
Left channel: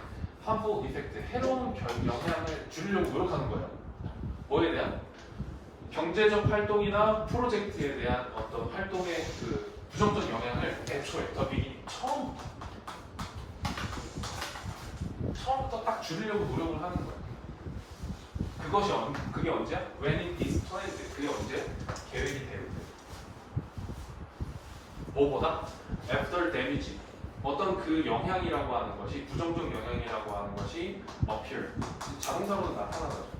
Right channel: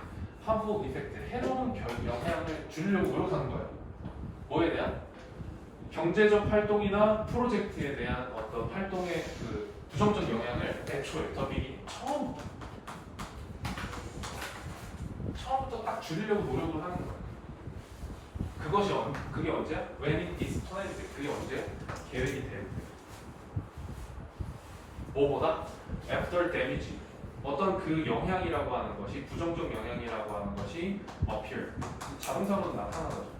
harmful effect 해로운 영향을 줄이려고 노력하는 거예요. 뭐에 대한? 경제적 활동이나 프로젝트에 대한 어떤 활동의 그 부정적 영향을 애초에 더 미리 처음부터 딱 줄이려고 노력을 하는 거예요. 그게 언제야? When it is planned. 그게 언제? 계획이 될 때. 뭐보다? After damage. 어떤 그 영향이라고 하는 것이 부정적 영향이라고 하는 것이 appear. 자동사로 나타나는 거죠.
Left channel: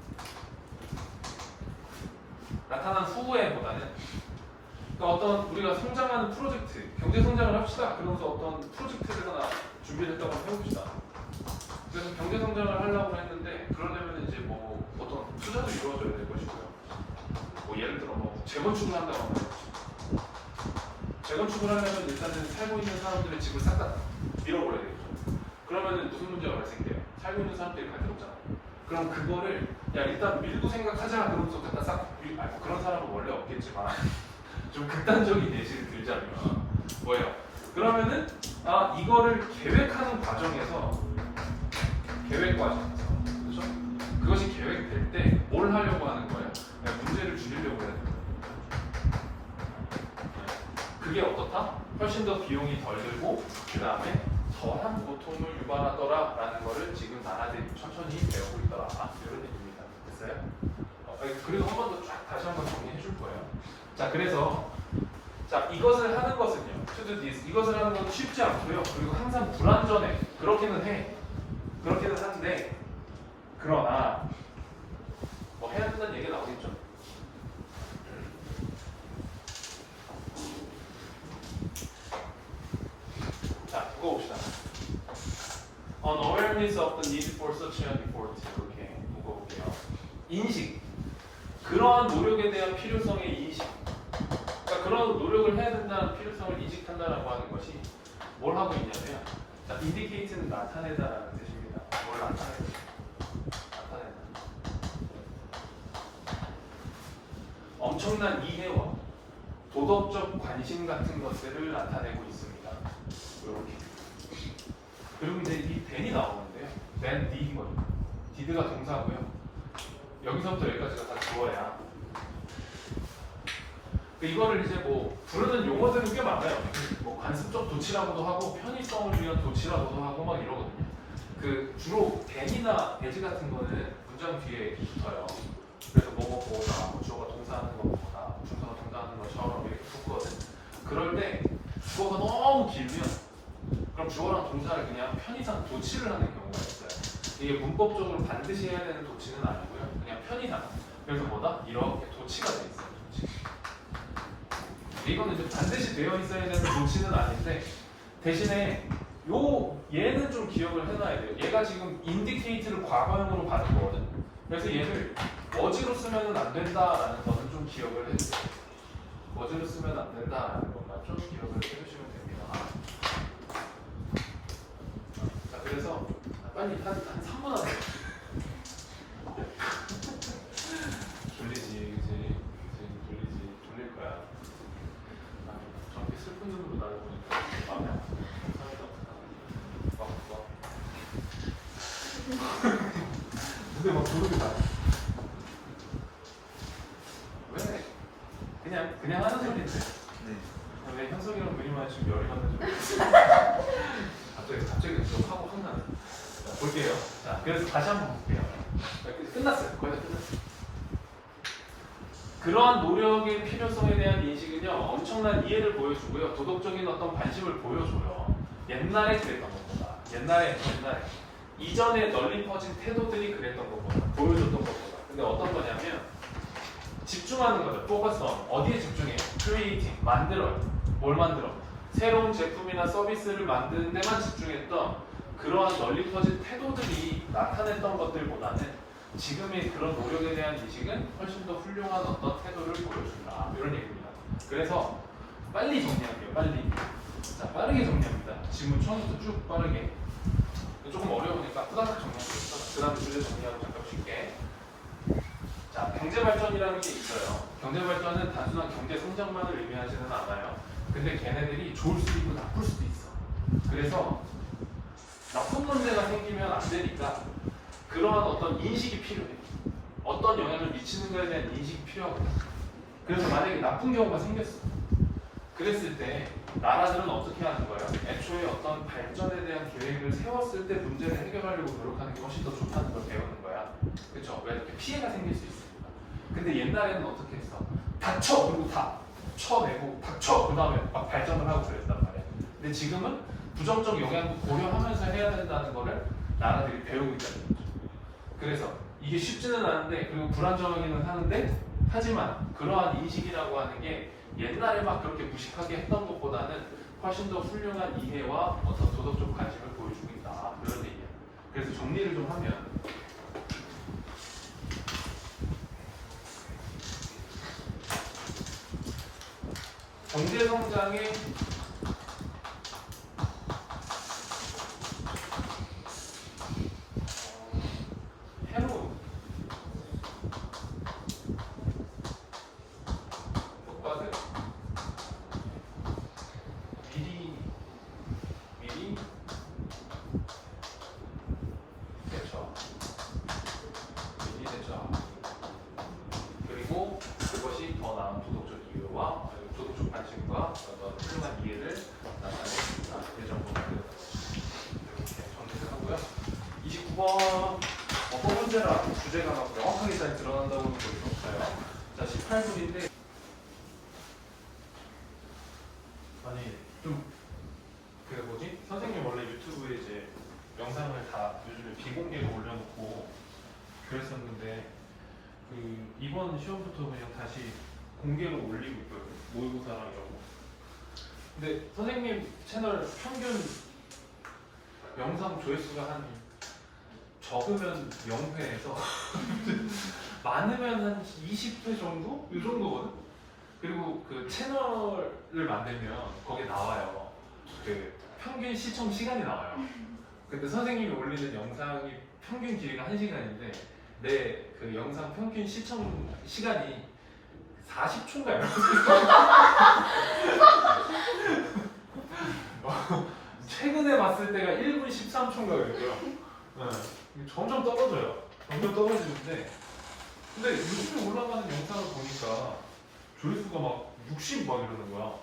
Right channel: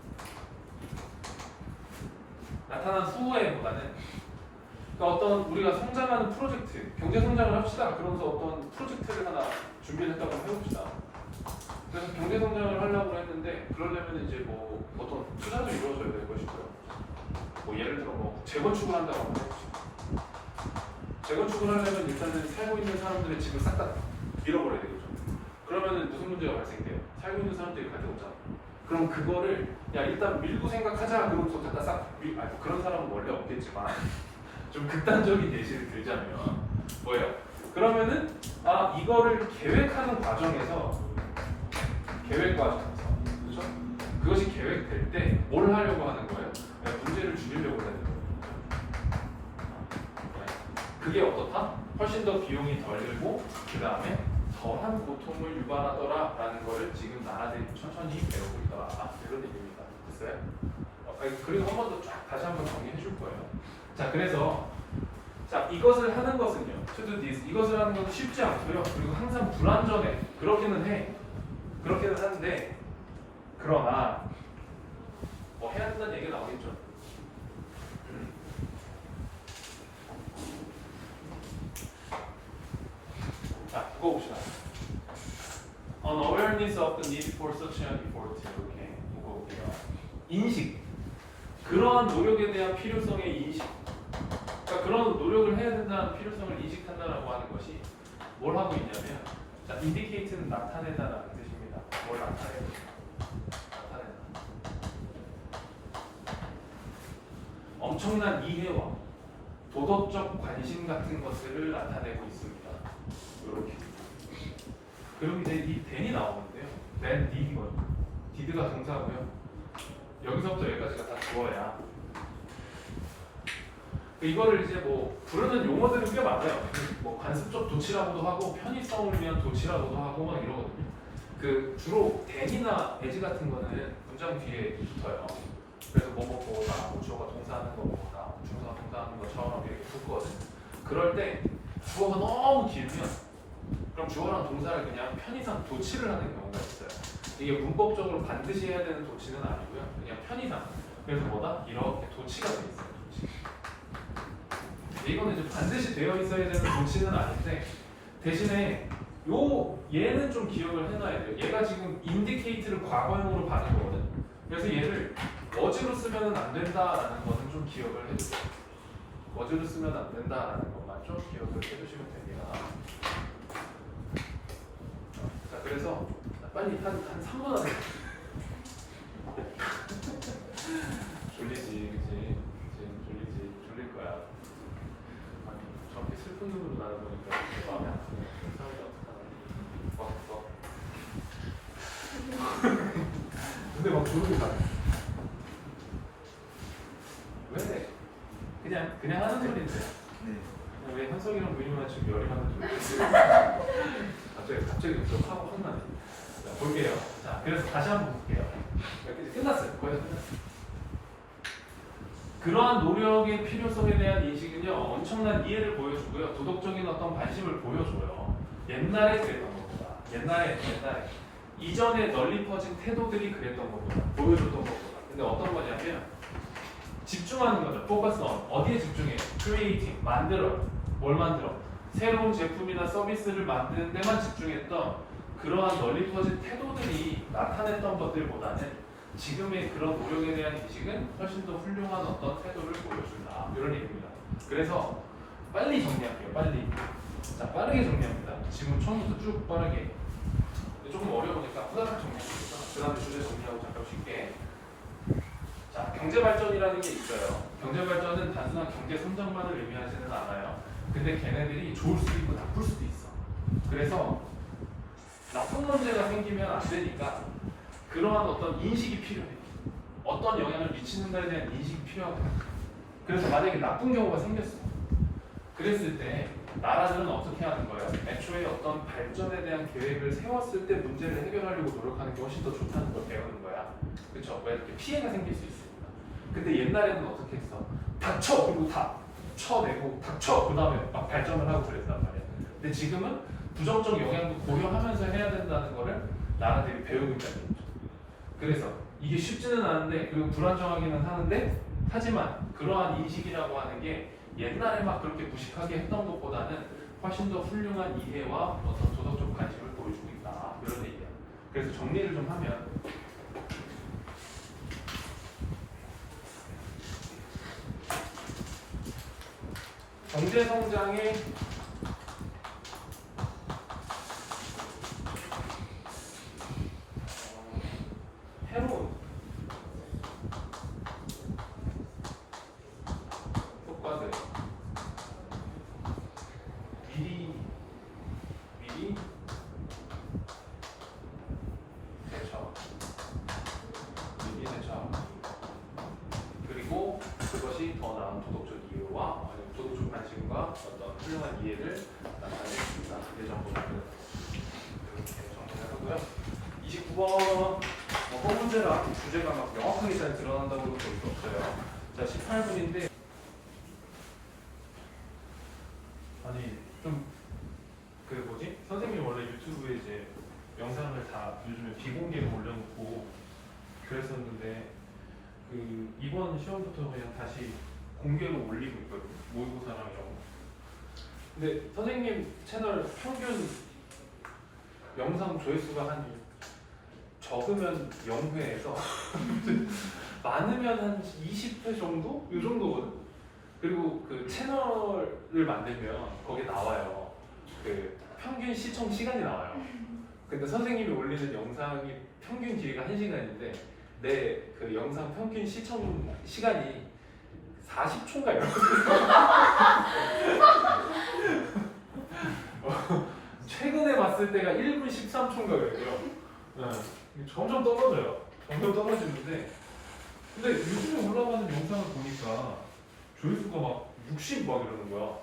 나타난 후에보다는 그러니까 어떤 우리가 성장하는 프로젝트, 경제 성장을 합시다. 그러면서 어떤 프로젝트를 하나 준비를 했다고 해봅시다. 그래서 경제 성장을 하려고 했는데 그러려면 이제 뭐 어떤 투자도 이루어져야 될 것이고요. 뭐 예를 들어 뭐 재건축을 한다고 해봅시다. 재건축을 하려면 일단은 살고 있는 사람들의 집을 싹 다 밀어버려야 되겠죠. 그러면은 무슨 문제가 발생돼요? 살고 있는 사람들이 갈 데 없잖아요. 그럼 그거를 야 일단 밀고 생각하자 그러면서 갖다 싹 뭐 그런 사람은 원래 없겠지만 좀 극단적인 예시를 들자면 뭐예요? 그러면은 이거를 계획하는 과정에서 그렇죠? 그것이 계획될 때 뭘 하려고 하는 거예요? 문제를 줄이려고 해야 돼요. 그게 어떻다? 훨씬 더 비용이 덜 들고 그 다음에 더한 고통을 유발하더라라는 거를 지금 나라들이 천천히 배우고 있더라. 이런 얘기입니다. 됐어요? 그리고 한 번 더 쫙 다시 한번 정리해 줄 거예요. 자, 그래서 이것을 하는 것은요. To do this. 이것을 하는 건 쉽지 않고요. 그리고 항상 불완전해. 그렇기는 해. 그렇기는 한데 그러나 뭐 해야 된다는 얘기가 나오겠죠. 자, 그거 봅시다. Unawareness of the need for such an effort. 이렇게 보고 볼게요. 인식. 그러한 노력에 대한 필요성의 인식. 그러니까 그런 노력을 해야 된다는 필요성을 인식한다라고 하는 것이 뭘 하고 있냐면 indicate는 나타내다라는 뜻입니다. 뭘 나타낸다. 엄청난 이해와 도덕적 관심 같은 것들을 나타내고 있습니다. 이렇게. 그리고 이제 이 then이 나오는데요. then did거든요. did가 동사고요. 여기서부터 여기까지가 다 주어야. 이거를 이제 뭐 부르는 용어들이 꽤 많아요. 뭐 관습적 도치라고도 하고 편의성을 위한 도치라고도 하고 막 이러거든요. 그 주로 then이나 as 같은 거는 문장 뒤에 붙어요. 그래서 뭐다가 뭐 주어가 동사하는 거보다 중사가 동사하는 것처럼 이렇게 붙거든. 그럴 때 주어가 너무 길면 그럼 주어랑 동사를 그냥 편의상 도치를 하는 경우가 있어요. 이게 문법적으로 반드시 해야 되는 도치는 아니고요. 그냥 편의상. 그래서 이렇게 도치가 돼 있어요. 도치. 이거는 이제 반드시 되어 있어야 되는 도치는 아닌데 대신에 얘는 좀 기억을 해놔야 돼요. 얘가 지금 indicate를 과거형으로 가는 거거든. 그래서 얘를 was로 쓰면 안 된다라는 것은 좀 기억을 해주세요. was로 쓰면 안 된다라는 것만 좀 기억을 해주시면 됩니다. 자, 그래서 빨리 한 3분 안에 졸리지, 그치? 졸릴 거야. 저렇게 슬픈 눈으로 나를 근데 막 모르게 다. 왜? 그냥 하는 소리인데. 왜 현석이랑 그림만 지금 열이 받는지 모르겠어요. 갑자기 저 화가 확 나네. 자, 볼게요. 자, 그래서 다시 한번 볼게요. 끝났어요. 거의 다 끝났어요. 그러한 노력의 필요성에 대한 인식은요, 엄청난 이해를 보여주고요, 도덕적인 어떤 관심을 보여줘요. 옛날에 그랬던 것보다, 옛날에 이전에 널리 퍼진 태도들이 그랬던 것보다, 보여줬던 것보다. 근데 어떤 거냐면 집중하는 거죠. 포커스 on. 어디에 집중해요? creating, 만들어요. 뭘 만들어? 새로운 제품이나 서비스를 만드는 데만 집중했던 그러한 널리 퍼진 태도들이 나타냈던 것들보다는 지금의 그런 노력에 대한 인식은 훨씬 더 훌륭한 어떤 태도를 보여준다. 이런 얘기입니다. 그래서 빨리 정리할게요. 빨리. 자, 빠르게 정리합니다. 지금 처음부터 쭉 빠르게. 조금 어려우니까 후다닥 정리하겠습니다. 그 다음에 주제 정리하고 잠깐 쉴게. 자, 경제 발전이라는 게 있어요. 경제 발전은 단순한 경제 성장만을 의미하지는 않아요. 근데 걔네들이 좋을 수도 있고 나쁠 수도 있어. 그래서 나쁜 문제가 생기면 안 되니까 그러한 어떤 인식이 필요해. 어떤 영향을 미치는가에 대한 인식이 필요하고. 그래서 만약에 나쁜 경우가 생겼어. 그랬을 때 나라들은 어떻게 하는 거예요? 애초에 어떤 발전에 대한 계획을 세웠을 때 문제를 해결하려고 노력하는 게 훨씬 더 좋다는 걸 배우는 거야. 그렇죠? 왜 이렇게 피해가 생길 수 있으니까. 근데 옛날에는 어떻게 했어? 닥쳐! 그리고 다 쳐내고 닥쳐! 그 다음에 막 발전을 하고 그랬단 말이야. 근데 지금은 부정적 영향도 고려하면서 해야 된다는 거를 나라들이 배우고 있다는 거죠. 그래서 이게 쉽지는 않은데, 그리고 불안정하기는 하는데, 하지만 그러한 인식이라고 하는 게 옛날에 막 그렇게 무식하게 했던 것보다는 훨씬 더 훌륭한 이해와 어떤 도덕적 관심을 보여주고 있다. 그런 얘기야. 그래서 정리를 좀 하면 경제 성장의 해로운 효과들 미리 대처하고, 그리고 그것이 더 나은 도덕적 이유와 도덕적 관심과 어떤 훌륭한 이해를 나타내습니다. 이 정도로 이렇게 정리를 하고요. 29번 소문제라 주제가 막 명확하게 잘 드러난다고는 볼 수 없어요. 자, 18분인데 아니 좀 그 뭐지? 선생님 원래 유튜브에 이제 영상을 다 요즘에 비공개로 올려놓고 그랬었는데 그 이번 시험부터 그냥 다시 공개로 올리고 있거든요. 모의고사랑이라고. 근데 선생님 채널 평균 영상 조회수가 한 적으면 0회에서 많으면 한 20회 정도? 이 정도거든? 그리고 그 채널을 만들면 거기에 나와요. 그 평균 시청 시간이 나와요. 근데 선생님이 올리는 영상이 평균 길이가 1시간인데 내 그 영상 평균 시청 시간이 40초인가 이런 최근에 봤을 때가 1분 13초인가 그랬어요. 점점 떨어져요. 점점 떨어지는데 근데 요즘에 올라가는 영상을 보니까 조회수가 막 60 막 이러는 거야.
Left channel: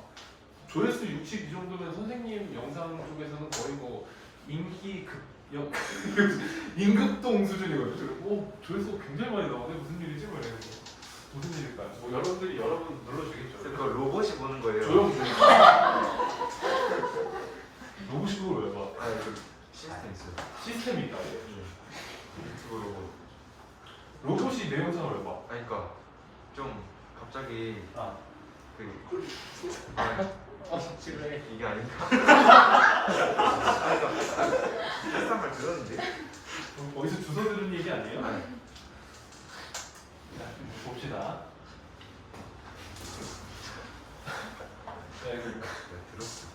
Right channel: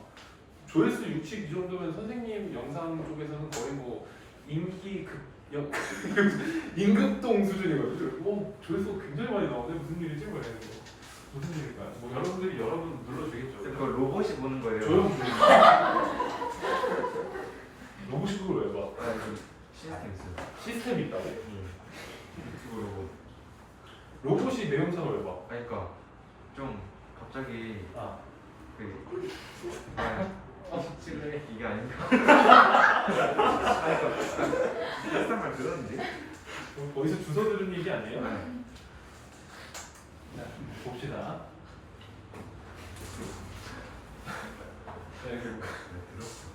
조회수 60 이 정도면 선생님 영상 쪽에서는 거의 뭐 인기 임급동 수준이거든요. 조회수가 굉장히 많이 나오네. 무슨 일이지? 무슨 일일까요? 뭐 여러분 눌러주겠죠. 그러니까 로봇이 보는 거예요. 조용. 로봇이 그걸 왜 봐? 아니, 그 시스템 있어요. 시스템이 있다고? 유튜브 로봇. 로봇이 내 영상을 왜 봐? 그러니까 좀 갑자기 아, 이게 아닌가? 일상을 들었는데. 어디서 주워 들은 얘기 아니에요? 네. 자, 봅시다. 네, 들었어.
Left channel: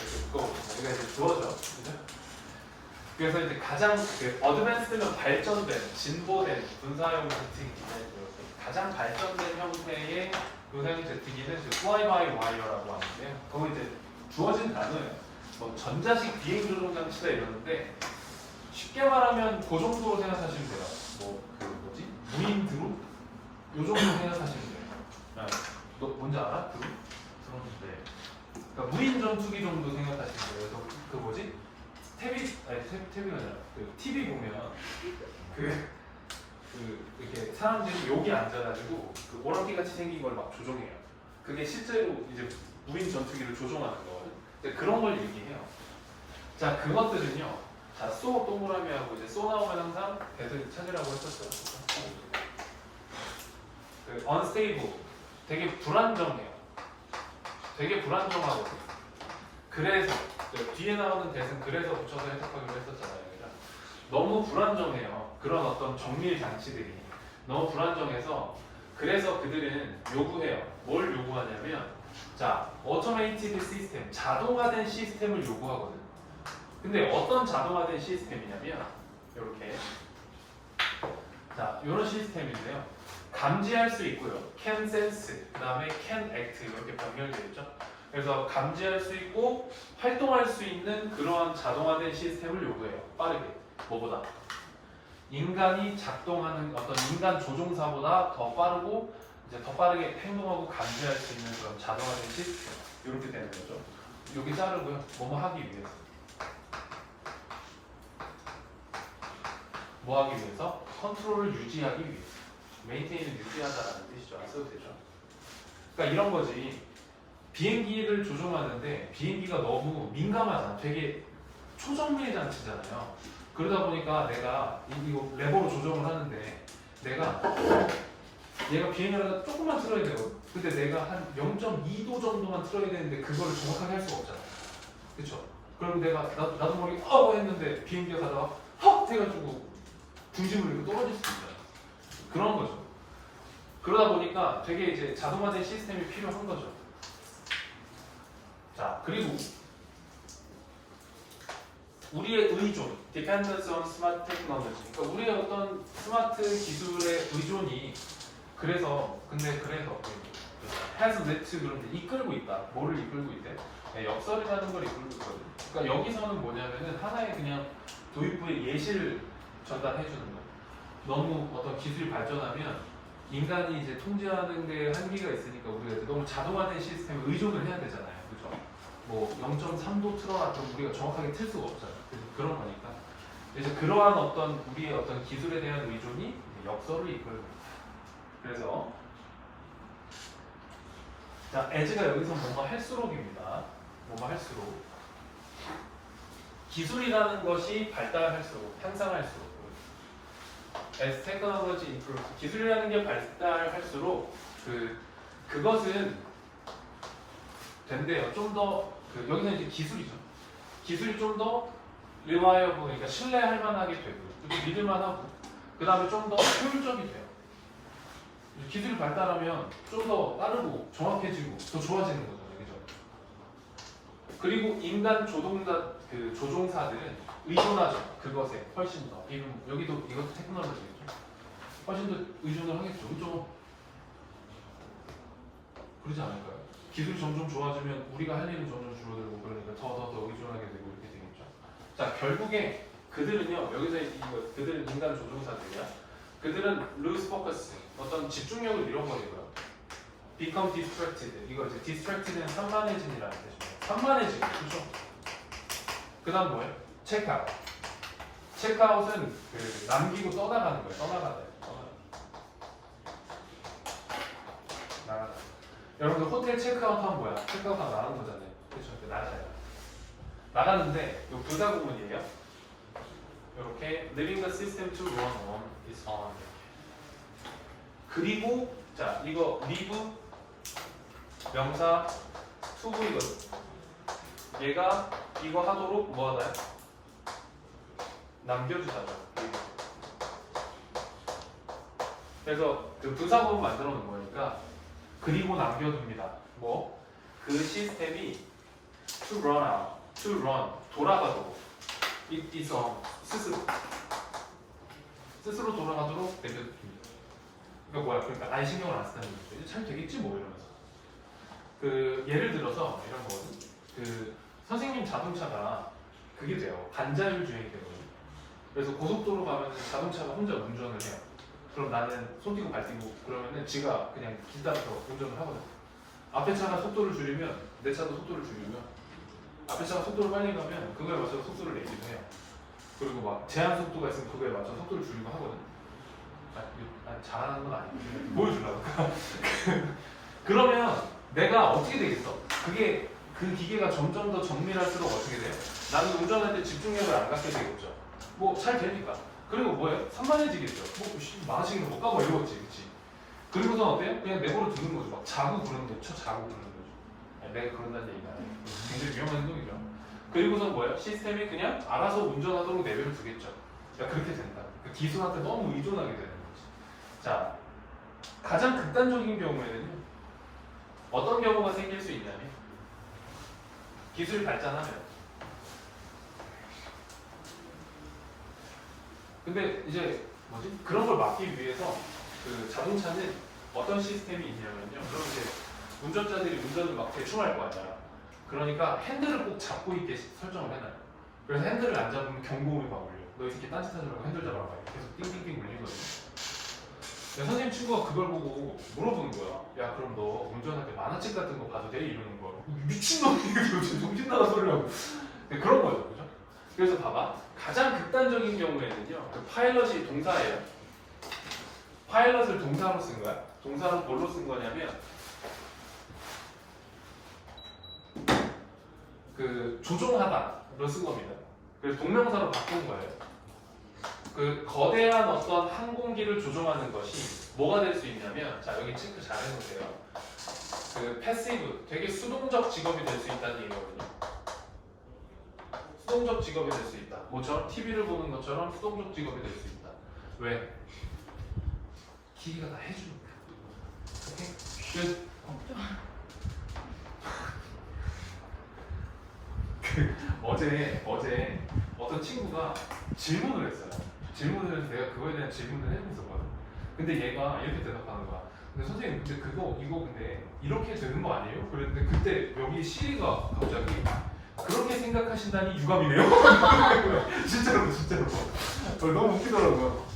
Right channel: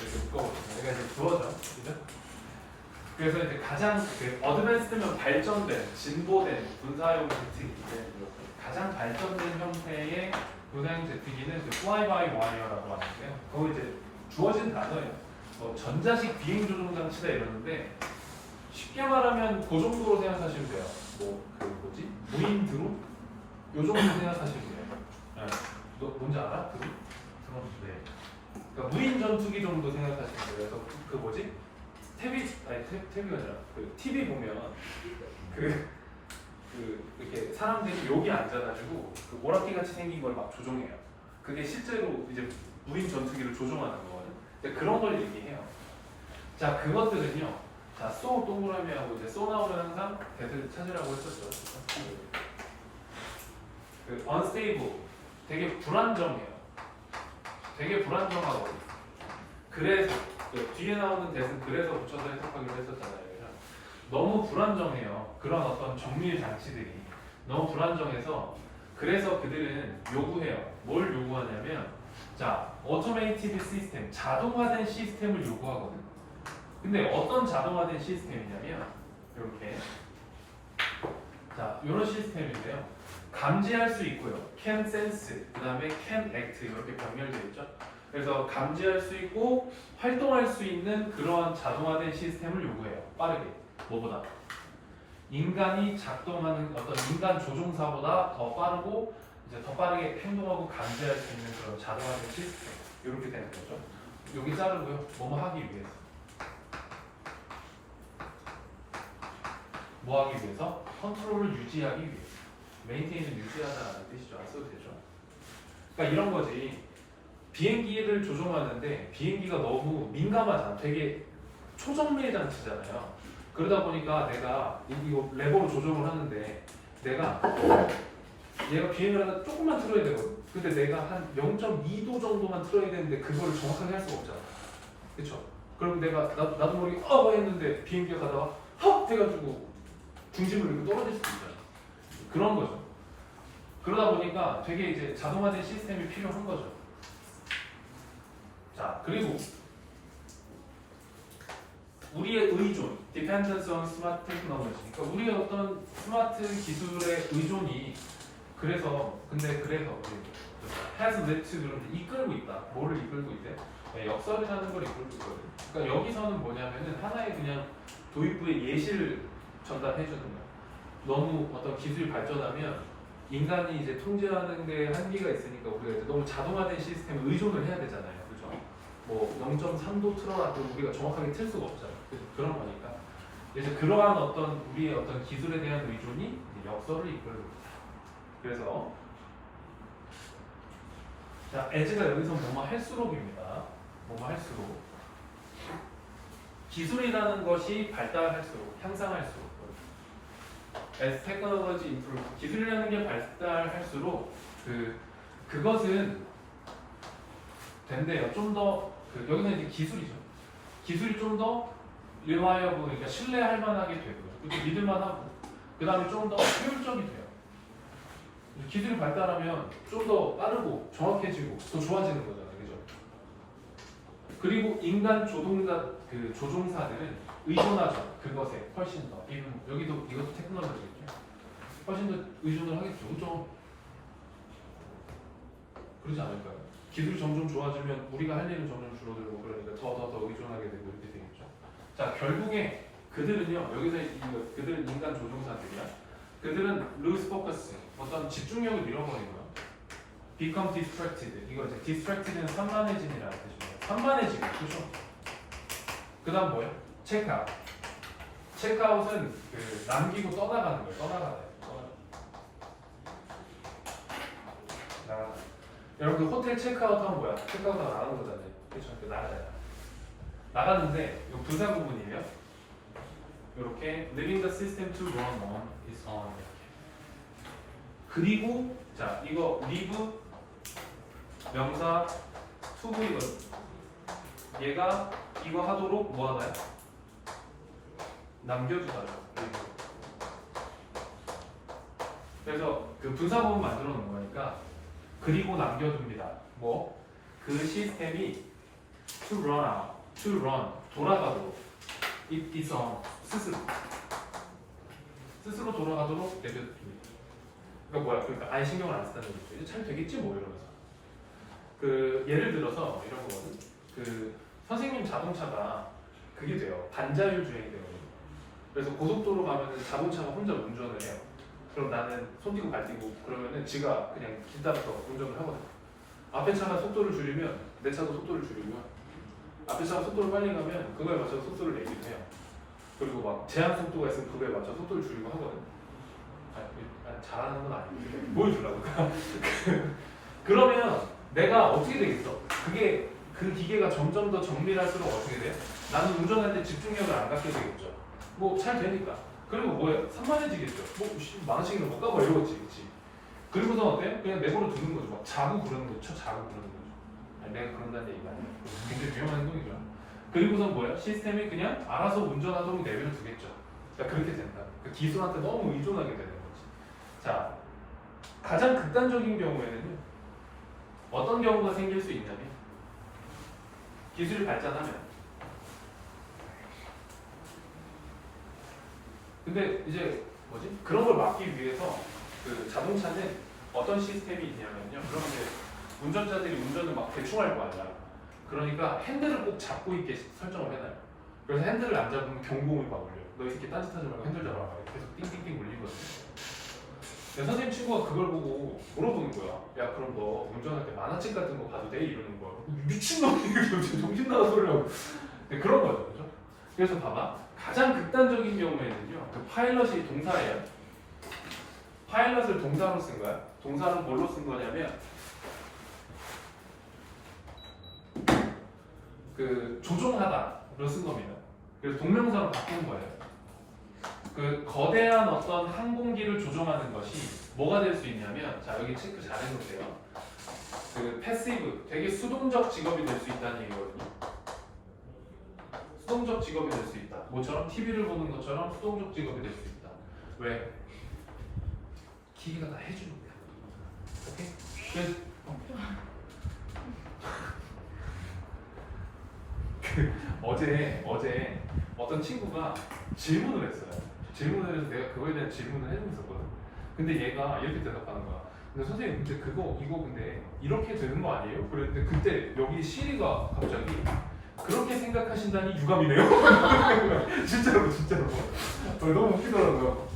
이렇게 묶어보시면 우리가 이제 주어져, 그죠? 그래서 이제 가장 어드밴스드면 발전된, 진보된 군사용 기술이 기본이고요. 가장 발전된 형태의 고사양 제트기는 이제 fly by wire라고 하는데요. 그거 이제 주어진 단어예요. 뭐 전자식 비행 조종 장치다 이러는데 쉽게 말하면 그 정도로 생각하시면 돼요. 뭐 그 뭐지? 무인 드론? 요 정도 생각하시면 돼요. 네. 너 뭔지 알아? 드론? 그런데 그러니까 무인 전투기 정도 생각하시면 돼요. 그래서 그 뭐지? 탭이 아니라 그 TV 보면 그 이렇게 사람들이 여기 앉아가지고 그 오락기 같이 생긴 걸 막 조종해요. 그게 실제로 이제 무인 전투기를 조종하는 거거든요. 근데 그런 걸 얘기해요. 자, 그것들은요. 자, 쏘 동그라미하고 이제 쏘 나오면 항상 배를 찾으라고 했었죠. 그 unstable 되게 불안정해요. 되게 불안정하거든요. 그래서 그 뒤에 나오는 대은 그래서 붙여서 해석하기로 했었잖아요. 그냥 너무 불안정해요. 그런 어떤 정밀 장치들이 너무 불안정해서 그래서 그들은 요구해요. 뭘 요구하냐면 자, automated 시스템, 자동화된 시스템을 요구하거든. 근데 어떤 자동화된 시스템이냐면 이렇게 자, 이런 시스템인데요. 감지할 수 있고요. can sense, 그 다음에 can act 이렇게 병렬되어 있죠. 그래서 감지할 수 있고 활동할 수 있는 그러한 자동화된 시스템을 요구해요. 빠르게. 뭐보다? 인간이 작동하는 어떤 인간 조종사보다 더 빠르고 이제 더 빠르게 행동하고 감지할 수 있는 그런 자동화된 시스템. 이렇게 되는 거죠. 여기 자르고요. 뭐뭐 하기 위해서. 뭐 하기 위해서? 컨트롤을 유지하기 위해서. 메인테인을 유지하다라는 뜻이죠. 안 써도 되죠. 그러니까 이런 거지. 비행기를 조종하는데 비행기가 너무 민감하잖아. 되게 초정밀 장치잖아요. 그러다 보니까 내가 이거 레버로 조정을 하는데 얘가 비행을 하다 조금만 틀어야 되거든. 근데 내가 한 0.2도 정도만 틀어야 되는데 그거를 정확하게 할 수가 없잖아. 그쵸? 그리고 내가 나도 모르게 했는데 비행기가 가다가 헉! 해가지고 중심을 이렇게 떨어질 수도 있잖아. 그런 거죠. 그러다 보니까 되게 이제 자동화된 시스템이 필요한 거죠. 자, 그리고 우리의 의존, dependence on smart technology. 그러니까 우리의 어떤 스마트 기술의 의존이 그래서 has led to 그런데 이끌고 있다. 뭐를 이끌고 있대? 네, 역설이라는 걸 이끌고 있거든요. 그러니까 여기서는 뭐냐면은 하나의 그냥 도입부의 예시를 전달해 주는 거야. 너무 어떤 기술이 발전하면 인간이 이제 통제하는 데 한계가 있으니까 우리가 이제 너무 자동화된 시스템에 의존을 해야 되잖아요. 그죠? 뭐 0.3도 틀어라 그럼 우리가 정확하게 틀 수가 없잖아요. 그런 거니까. 그래서 그러한 어떤 우리의 어떤 기술에 대한 의존이 역설을 이끌고 있다. 그래서 자, as가 여기서 뭐뭐 할수록입니다. 뭐뭐 할수록 기술이라는 것이 발달할수록 향상할수록 as technology improves 기술이라는 게 발달할수록 그것은 된대요. 좀 더 여기는 이제 기술이죠. 기술이 좀 더 reliable 그러니까 신뢰할 만하게 되고요. 그렇게 믿을만하고 그 다음에 좀 더 효율적이 돼요. 기술이 발달하면 좀 더 빠르고 정확해지고 더 좋아지는 거잖아요. 그죠? 그리고 인간 조종사들은 의존하죠. 그것에 훨씬 더. 여기도 이것도 테크놀로지겠죠. 훨씬 더 의존을 하겠죠. 그죠? 그러지 않을까요? 기술이 점점 좋아지면 우리가 할 일은 점점 줄어들고 그러니까 더 의존하게 되고 이렇게 되겠죠. 자, 결국에 그들은요. 여기서 그들은 인간 조종사들이야. 그들은 lose focus, 어떤 집중력을 잃어버리고요. become distracted, 이거 이제 distracted는 산만해짐이라는 뜻이에요. 산만해지고, 그렇죠? 그 다음 뭐예요? check out. check out은 남기고 떠나가는 거예요. 떠나가다. 여러분들 호텔 체크아웃 하면 뭐야? 체크아웃 하면 나가는 거잖아요. 그렇죠? 나가잖아요. 나가는데 이거 부사 구문이에요. 이렇게 letting the system to run on is on. 그리고 자 이거 leave 명사 to이거든. 얘가 이거 하도록 뭐 하나요? 남겨주잖아요. 그래서 그 부사 구문 만들어 놓은 거니까 그리고 남겨둡니다. 뭐? 그 시스템이 to run out, to run 돌아가도록 it is on 스스로 돌아가도록 내려둡니다. 그러니까 뭐야? 그러니까 아예 신경을 안 쓰다는 거죠. 이제 잘 되겠지 뭐 이러면서. 그 예를 들어서 이런 거거든. 그 선생님 자동차가 그게 돼요. 반자율 주행이 되거든요. 그래서 고속도로 가면은 자동차가 혼자 운전을 해요. 그럼 나는 손 띄고 발 띄고 그러면은 지가 그냥 길 따라서 운전을 하거든. 앞에 차가 속도를 줄이면 내 차도 속도를 줄이고요. 앞에 차가 속도를 빨리 가면 그거에 맞춰서 속도를 내기도 해요. 그리고 막 제한 속도가 있으면 그거에 맞춰 속도를 줄이고 하거든. 잘하는 건 아니고 보여주려고. 그러면 내가 어떻게 되겠어? 그게 그 기계가 점점 더 정밀할수록 어떻게 돼? 나는 운전할 때 집중력을 안 갖게 되겠죠. 뭐 잘 되니까. 그리고 뭐예요? 산만해지겠죠. 뭐 만원씩이나 못 가봐 이러겠지, 그렇지? 그리고서 어때요? 그냥 내버려 두는 거죠. 막 자고 그러는 거죠. 자고 그러는 거죠. 아니, 내가 그런다는 얘기가 아니에요. 굉장히 위험한 행동이죠. 그리고서 뭐예요? 시스템이 그냥 알아서 운전하도록 내버려 두겠죠. 그러니까 그렇게 된다. 그 기술한테 너무 의존하게 되는 거지. 자, 가장 극단적인 경우에는요. 어떤 경우가 생길 수 있냐면 기술이 발전하면 근데 이제 뭐지? 그런 걸 막기 위해서 그 자동차는 어떤 시스템이 있냐면요. 그럼 이제 운전자들이 운전을 막 대충 할 거 아니야. 그러니까 핸들을 꼭 잡고 있게 설정을 해놔요. 그래서 핸들을 안 잡으면 경고음이 막 울려. 너 이 새끼 딴짓하지 말고 핸들 잡아라. 계속 띵띵띵 울리거든요. 내 선생님 친구가 그걸 보고 물어보는 거야. 야 그럼 너 운전할 때 만화책 같은 거 봐도 돼? 이러는 거야. 미친놈이 정신 나간 소리를 하고. 네, 그런 거죠. 그죠? 그래서 봐봐. 가장 극단적인 경우에는요. 그 파일럿이 동사예요. 파일럿을 동사로 쓴 거야. 동사는 뭘로 쓴 거냐면 그 조종하다로 쓴 겁니다. 그래서 동명사로 바꾼 거예요. 그 거대한 어떤 항공기를 조종하는 것이 뭐가 될 수 있냐면 자 여기 체크 잘 해놓으세요. 그 패시브 되게 수동적 직업이 될 수 있다는 얘기거든요. 수동적 직업이 될 수 있다. 뭐처럼 TV를 보는 것처럼 수동적 직업이 될 수 있다. 왜? 기계가 다 해주니까. 오케이? 그래서 어제 어떤 친구가 질문을 했어요. 질문을 해서 내가 그거에 대한 질문을 해주었거든. 근데 얘가 이렇게 대답하는 거야. 근데 선생님 근데 이거 근데 이렇게 되는 거 아니에요? 그랬는데 그때 여기 시리가 갑자기 그렇게 생각하신다니 유감이네요. 진짜로. 너무 웃기더라고요.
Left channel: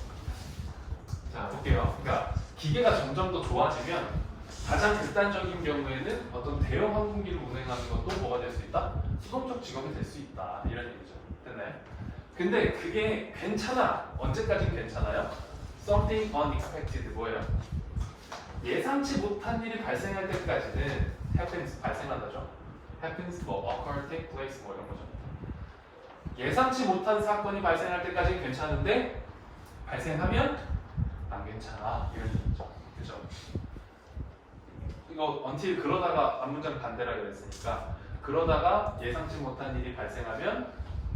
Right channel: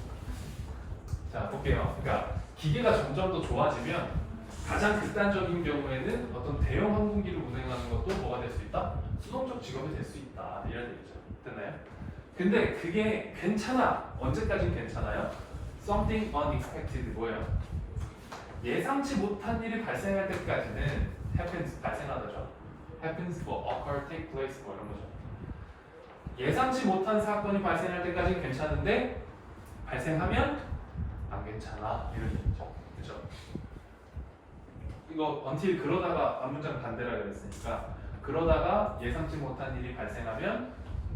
자 볼게요. 그러니까 기계가 점점 더 좋아지면 가장 극단적인 경우에는 어떤 대형 항공기를 운행하는 것도 뭐가 될 수 있다? 수동적 직업이 될 수 있다. 이런 얘기죠. 됐나요? 근데 그게 괜찮아. 언제까지 괜찮아요? Something unexpected 뭐예요? 예상치 못한 일이 발생할 때까지는 happens 발생하다죠. happens 뭐 occur, take place 뭐 이런 거죠. 예상치 못한 사건이 발생할 때까지는 괜찮은데 발생하면 안 괜찮아. 이런 얘기죠. 그렇죠? 이거 until 그러다가 앞문장 반대라 그랬으니까 그러다가 예상치 못한 일이 발생하면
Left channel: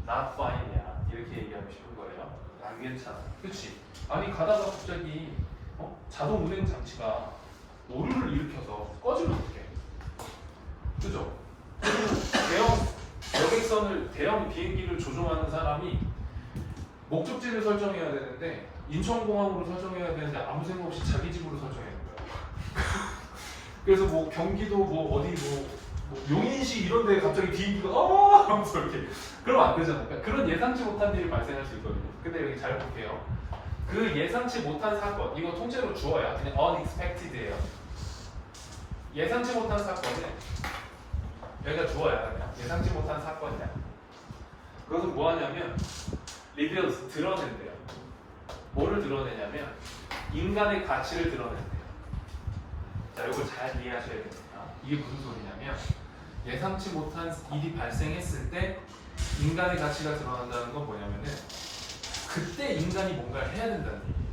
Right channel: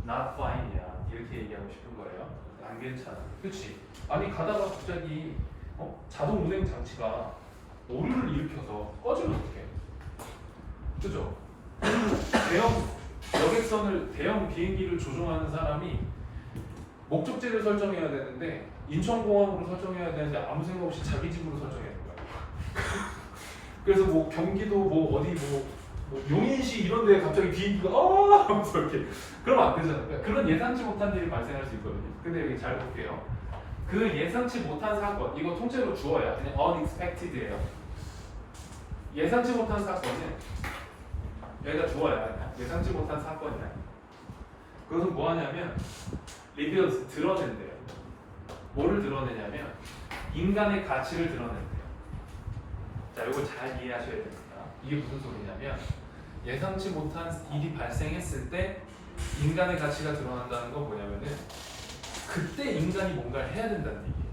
not fine이야. 이렇게 얘기하고 싶은 거예요. 안 괜찮아. 그렇지? 아니 가다가 갑자기 자동 운행 장치가 오류를 일으켜서 꺼지면 어떡해? 그죠? 대형 비행기를 조종하는 사람이 목적지를 설정해야 되는데 인천공항으로 설정해야 되는데 아무 생각 없이 자기 집으로 설정해야 되는 거야. 그래서 뭐 경기도 뭐 어디 뭐 용인시 이런 데 갑자기 비행기가 하면서 이렇게 그러면 안 되잖아요. 그러니까 그런 예상치 못한 일이 발생할 수 있거든요. 근데 여기 잘 볼게요. 그 예상치 못한 사건, 이거 통째로 주어야 그냥 unexpected예요. 예상치 못한 사건은 여기가 주어야 그냥 예상치 못한 사건이야. 그것은 뭐 하냐면 reveals 드러낸대요. 뭐를 드러내냐면 인간의 가치를 드러낸대요. 자, 이걸 잘 이해하셔야 됩니다. 이게 무슨 소리냐면 예상치 못한 일이 발생했을 때 인간의 가치가 드러난다는 건 뭐냐면은 그때 인간이 뭔가를 해야 된다는 얘기예요.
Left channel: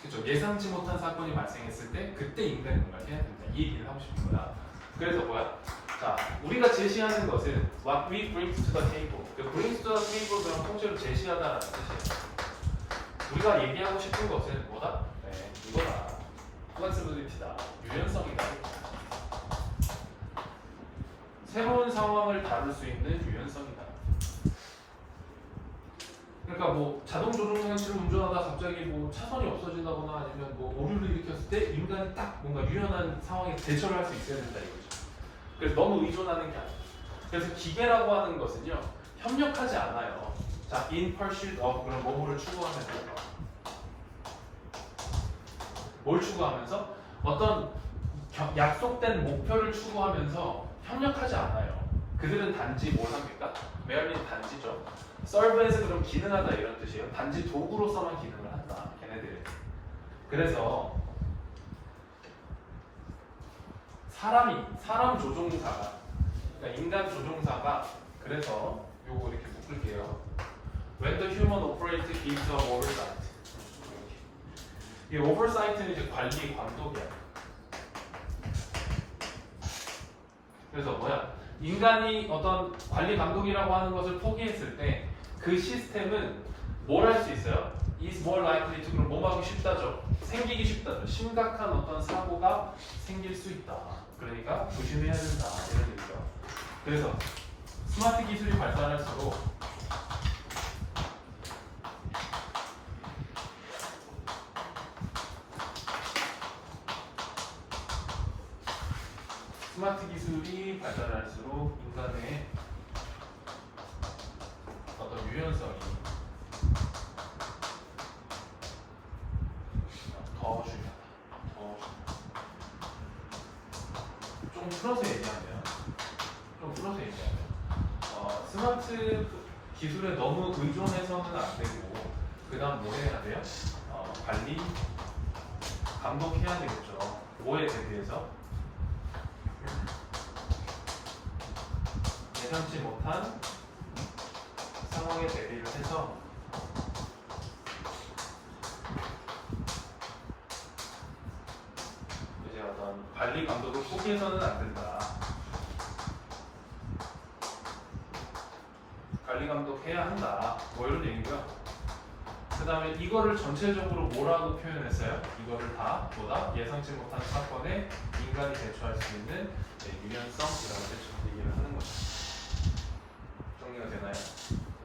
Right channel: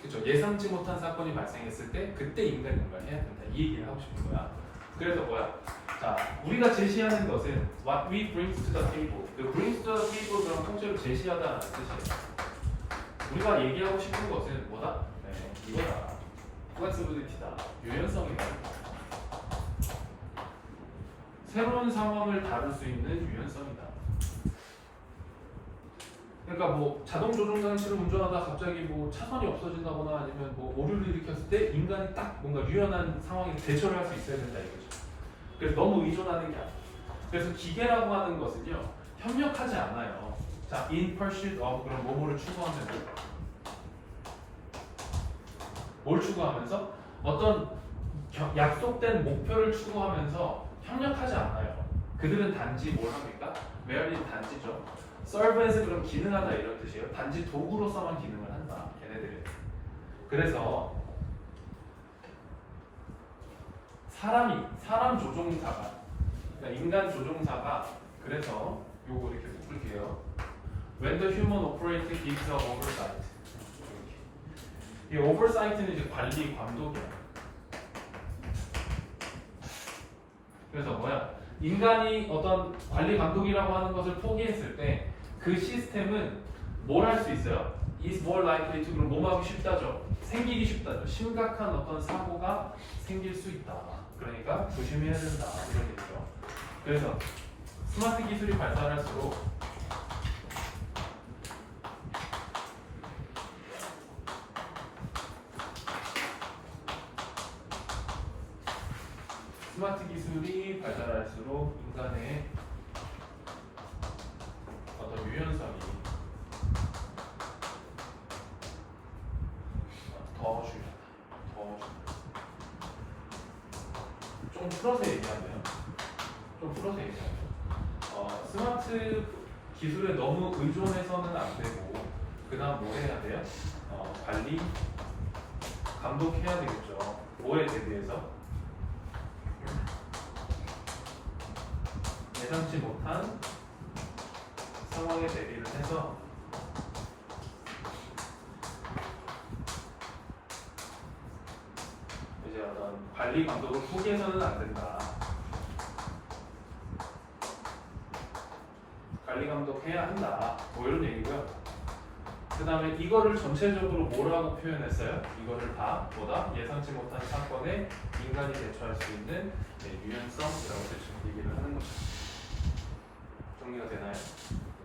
그렇죠? 예상치 못한 사건이 발생했을 때 그때 인간이 뭔가를 해야 된다. 이 얘기를 하고 싶은 거야. 그래서 뭐야? 자, 우리가 제시하는 것은 what we bring to the table. 그 bring to the table 그런 통째로 제시하다라는 뜻이에요. 우리가 얘기하고 싶은 것은 뭐다? 네, 이거다. 플렉시빌리티다. 유연성이다. 새로운 상황을 다룰 수 있는 유연성이다. 그러니까 뭐 자동 조종 장치를 운전하다 갑자기 뭐 차선이 없어진다거나 아니면 뭐 오류를 일으켰을 때 인간이 딱 뭔가 유연한 상황에 대처를 할 수 있어야 된다 이거죠. 그래서 너무 의존하는 게 아니에요. 그래서 기계라고 하는 것은요 협력하지 않아요. 자, in pursuit of 그런 뭐뭐를 추구하면서 뭘 추구하면서 어떤 약속된 목표를 추구하면서 협력하지 않아요. 그들은 단지 뭘 합니까? 메어리는 단지죠. 서브에서 그럼 기능하다 이런 뜻이에요. 단지 도구로서만 기능을 한다. 걔네들이. 그래서 사람 조종사가 그러니까 인간 조종사가 그래서 요거 이렇게 묶을게요. When the human operator gives a oversight. 이 oversight는 이제 관리 감독이야. 그래서 뭐야? 인간이 어떤 관리 감독이라고 하는 것을 포기했을 때 그 시스템은 뭘 할 수 있어요? is more likely to 그럼 뭐하기 쉽다죠. 생기기 쉽다죠. 심각한 어떤 사고가 생길 수 있다. 그러니까 조심해야 된다. 이런 얘기죠. 그래서 스마트 기술이 발달할수록 스마트 기술이 발달할수록 인간의 어떤 유연성이 더 중요하다. 더 중요하다. 좀 풀어서 얘기하면 스마트 기술에 너무 의존해서는 안 되고 그 다음 뭐 해야 돼요? 관리, 감독해야 되겠죠. 뭐에 대비해서? 예상치 못한 상황에 대비를 해서 이제 어떤 관리 감독을 포기해서는 안 된다. 관리 감독해야 한다. 뭐 이런 얘기고요. 그 다음에 이거를 전체적으로 뭐라고 표현했어요? 이거를 다 뭐다? 예상치 못한 사건에 인간이 대처할 수 있는 유연성이라고 얘기를 하는 거죠. 정리가 되나요?